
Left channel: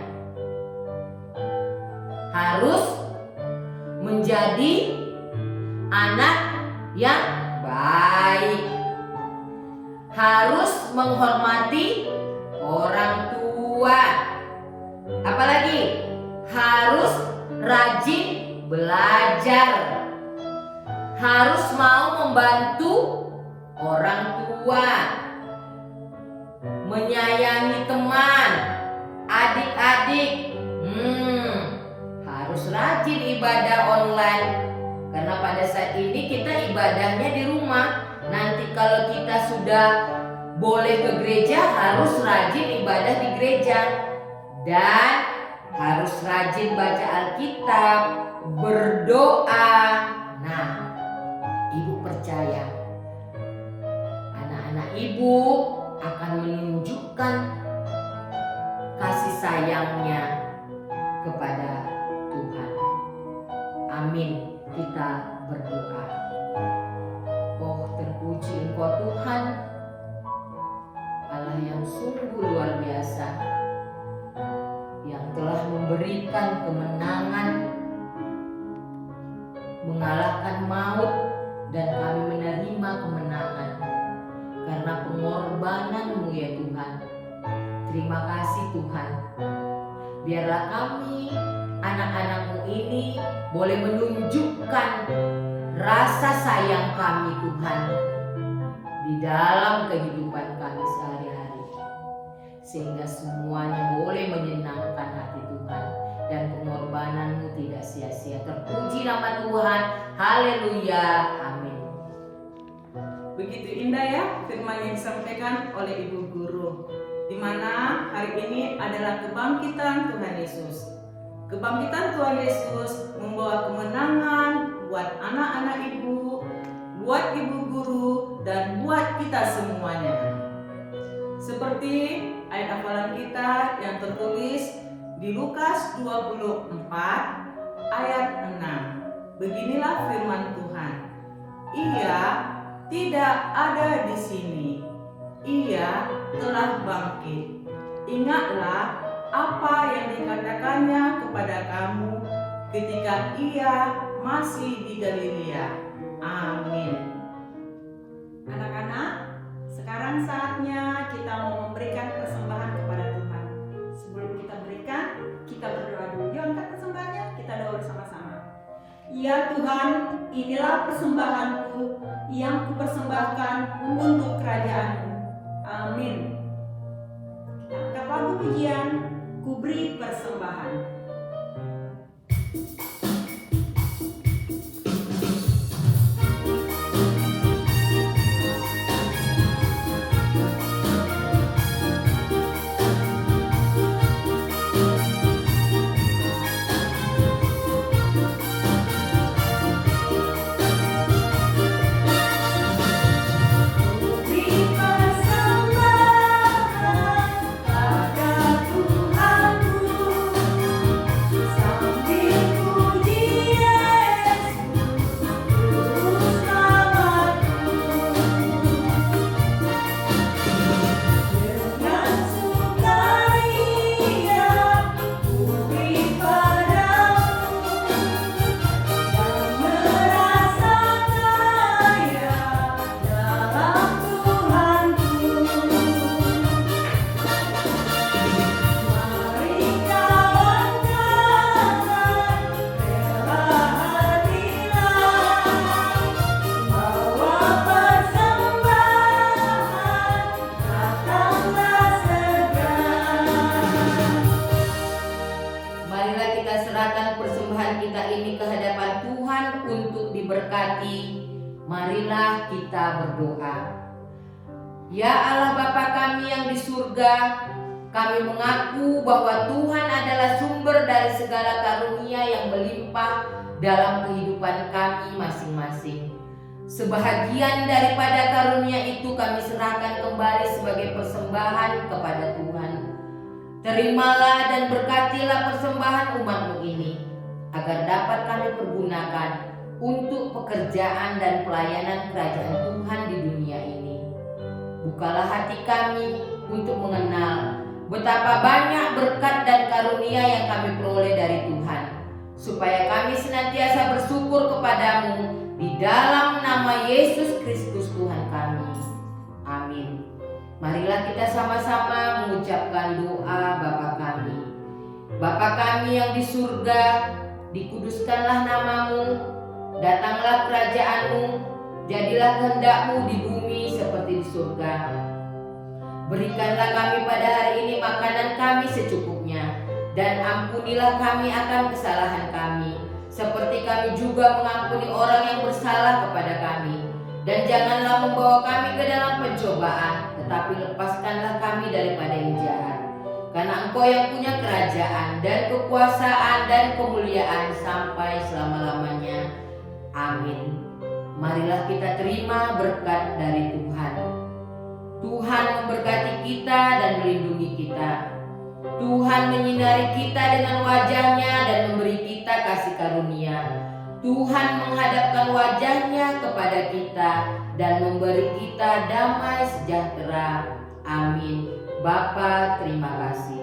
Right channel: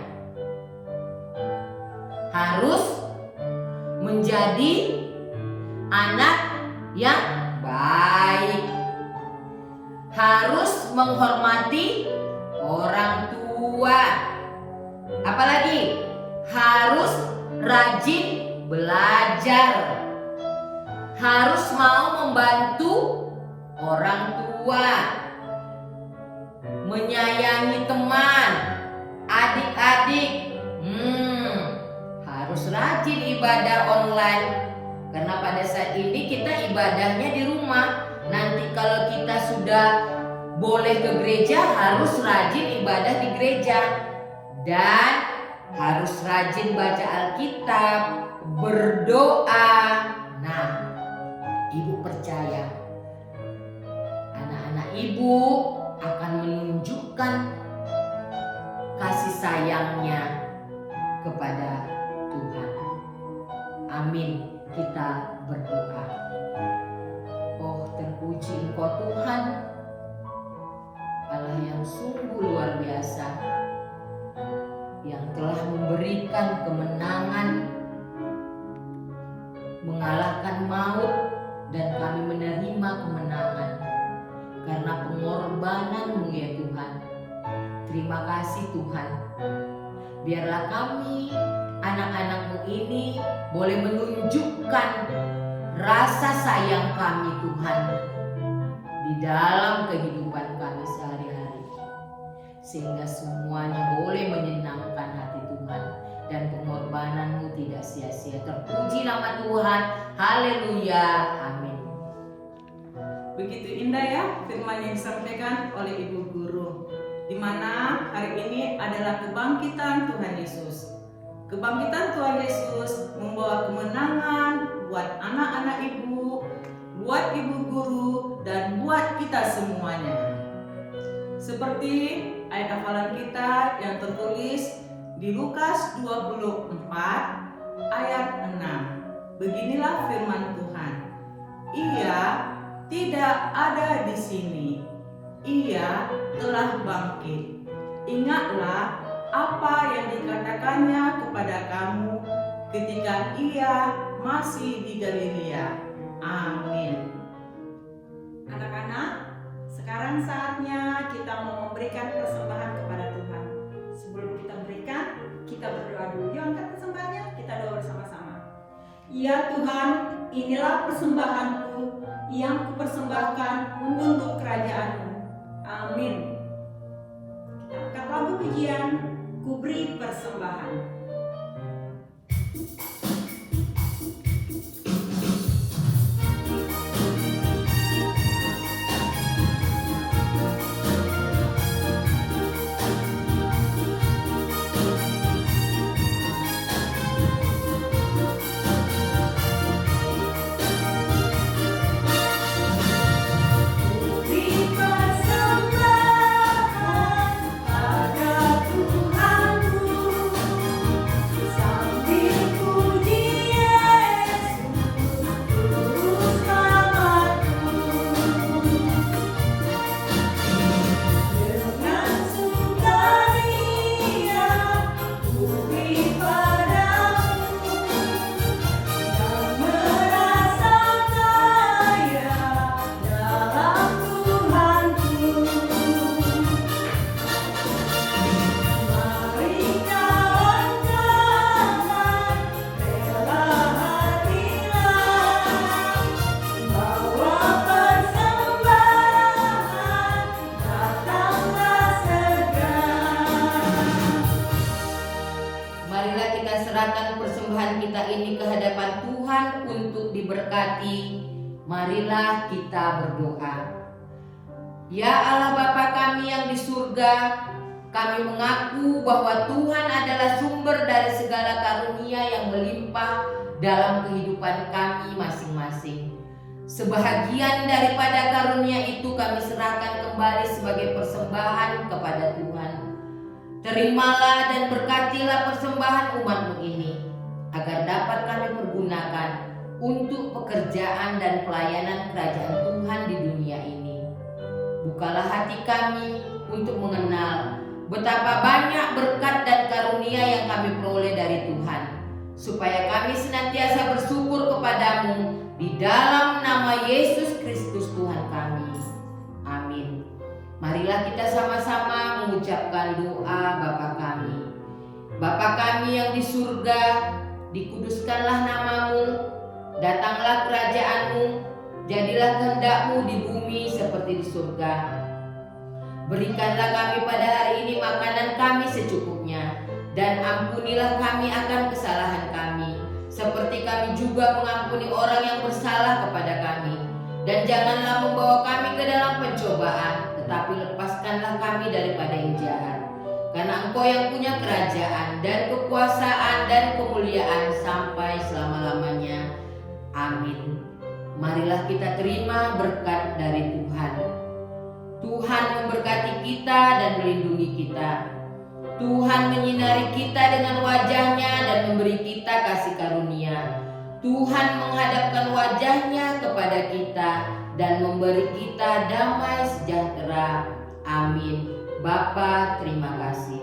Harus menjadi anak yang baik. Harus menghormati orang tua. Apalagi harus rajin belajar. Harus mau membantu orang tua. Menyayangi teman, adik-adik. Harus rajin ibadah online. Karena pada saat ini kita ibadahnya di rumah. Nanti kalau kita sudah boleh ke gereja, harus rajin ibadah di gereja. Dan harus rajin baca Alkitab, berdoa. Nah, ibu percaya anak-anak ibu akan menunjukkan kasih sayangnya kepada Tuhan. Amin. Kita berdoa. Oh, terpuji Engkau Tuhan, Allah yang sungguh luar biasa, yang telah memberikan kemenangan, mengalahkan maut, dan kami menerima kemenangan karena pengorbanan-Mu ya Tuhan. Terima kasih Tuhan. Biarlah kami, anak-anak-Mu ini, boleh menunjukkan rasa sayang kami Tuhan di dalam kehidupan kami sehari-hari, sehingga semuanya boleh menyenangkan hati Tuhan dan pengorbanan-Mu tidak sia-sia. Terpuji nama Tuhan. Haleluya. Amin. Begitu indah ya firman yang disampaikan oleh Ibu Guru, di mana hari ini adalah kebangkitan Tuhan Yesus. Kebangkitan Tuhan Yesus membawa kemenangan buat anak-anak ibu, buat ibu guru, dan buat kita semuanya. Seperti ayat hafalan kita yang tertulis di Lukas 24 ayat 6. Beginilah firman Tuhan. Ia tidak ada di sini. Ia telah bangkit. Ingatlah apa yang dikatakannya kepada kamu ketika ia masih di Galilea. Amin. Anak-anak, sekarang saatnya kita mau memberikan persembahan kepada Tuhan. Sebelum kita berikan, kita berdoa dulu. Yuk angkat persembahannya, kita doa bersama-sama. Ya Tuhan, inilah persembahanku yang kupersembahkan untuk kerajaan-Mu. Amin. Kita angkat lagu pujian, ku beri persembahan. Serahkan persembahan kita ini ke hadapan Tuhan untuk diberkati. Marilah kita berdoa. Ya Allah Bapa kami yang di surga, kami mengaku bahwa Tuhan adalah sumber dari segala karunia yang melimpah dalam kehidupan kami masing-masing. Sebahagian daripada karunia itu kami serahkan kembali sebagai persembahan kepada Tuhan. Terimalah dan berkatilah persembahan umat-Mu ini, agar dapat kami pergunakan untuk pekerjaan dan pelayanan kerajaan Tuhan di dunia ini. Bukalah hati kami untuk mengenal betapa banyak berkat dan karunia yang kami peroleh dari Tuhan, supaya kami senantiasa bersyukur kepada-Mu di dalam nama Yesus Kristus Tuhan kami. Amin. Marilah kita sama-sama mengucapkan doa Bapa kami. Bapa kami yang di surga, dikuduskanlah nama-Mu, datanglah kerajaan-Mu, jadilah kehendak-Mu di bumi seperti di surga. Berikanlah kami pada hari ini makanan kami secukupnya, dan ampunilah kami akan kesalahan kami, seperti kami juga mengampuni orang yang bersalah kepada kami. Dan janganlah membawa kami ke dalam pencobaan, tetapi lepaskanlah kami daripada yang jahat. Karena Engkau yang punya kerajaan dan kekuasaan dan kemuliaan sampai selama-lamanya. Amin. Marilah kita terima berkat dari Tuhan. Tuhan memberkati kita dan melindungi kita. Tuhan menyinari kita dengan wajah-Nya dan memberi kita kasih karunia. Tuhan menghadapkan wajah-Nya kepada kita dan memberi kita damai sejahtera. Amin. Bapa, terima kasih.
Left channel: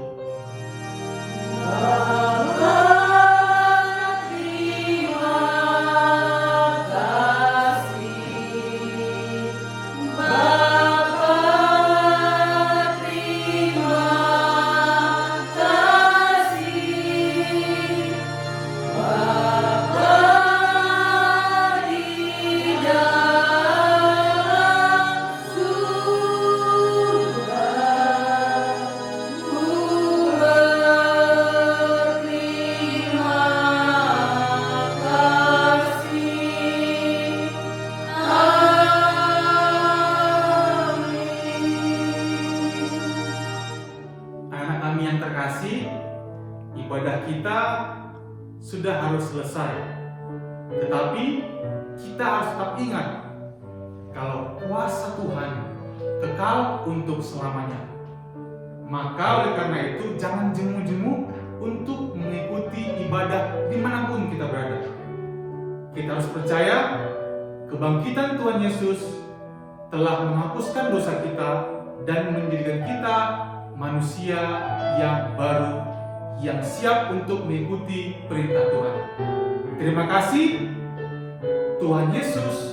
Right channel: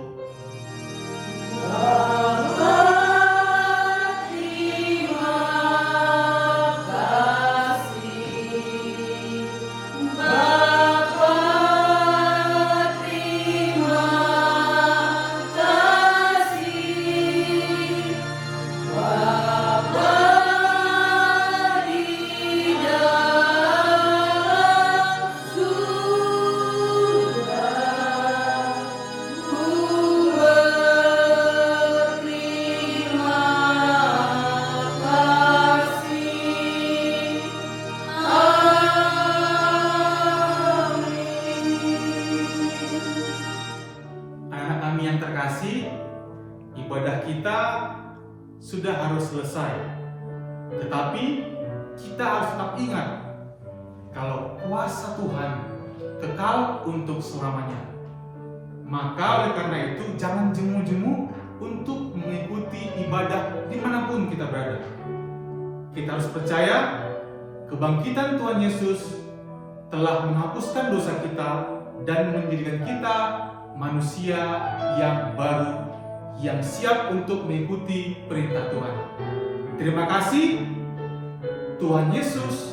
Ibadah kita sudah harus selesai, tetapi kita harus tetap ingat kalau kuasa Tuhan kekal untuk selamanya. Maka oleh karena itu jangan jemu-jemu untuk mengikuti ibadah dimanapun kita berada. Kita harus percaya kebangkitan Tuhan Yesus telah menghapuskan dosa kita dan menjadikan kita manusia yang baru, yang siap untuk mengikuti perintah Tuhan. Terima kasih. Tuhan Yesus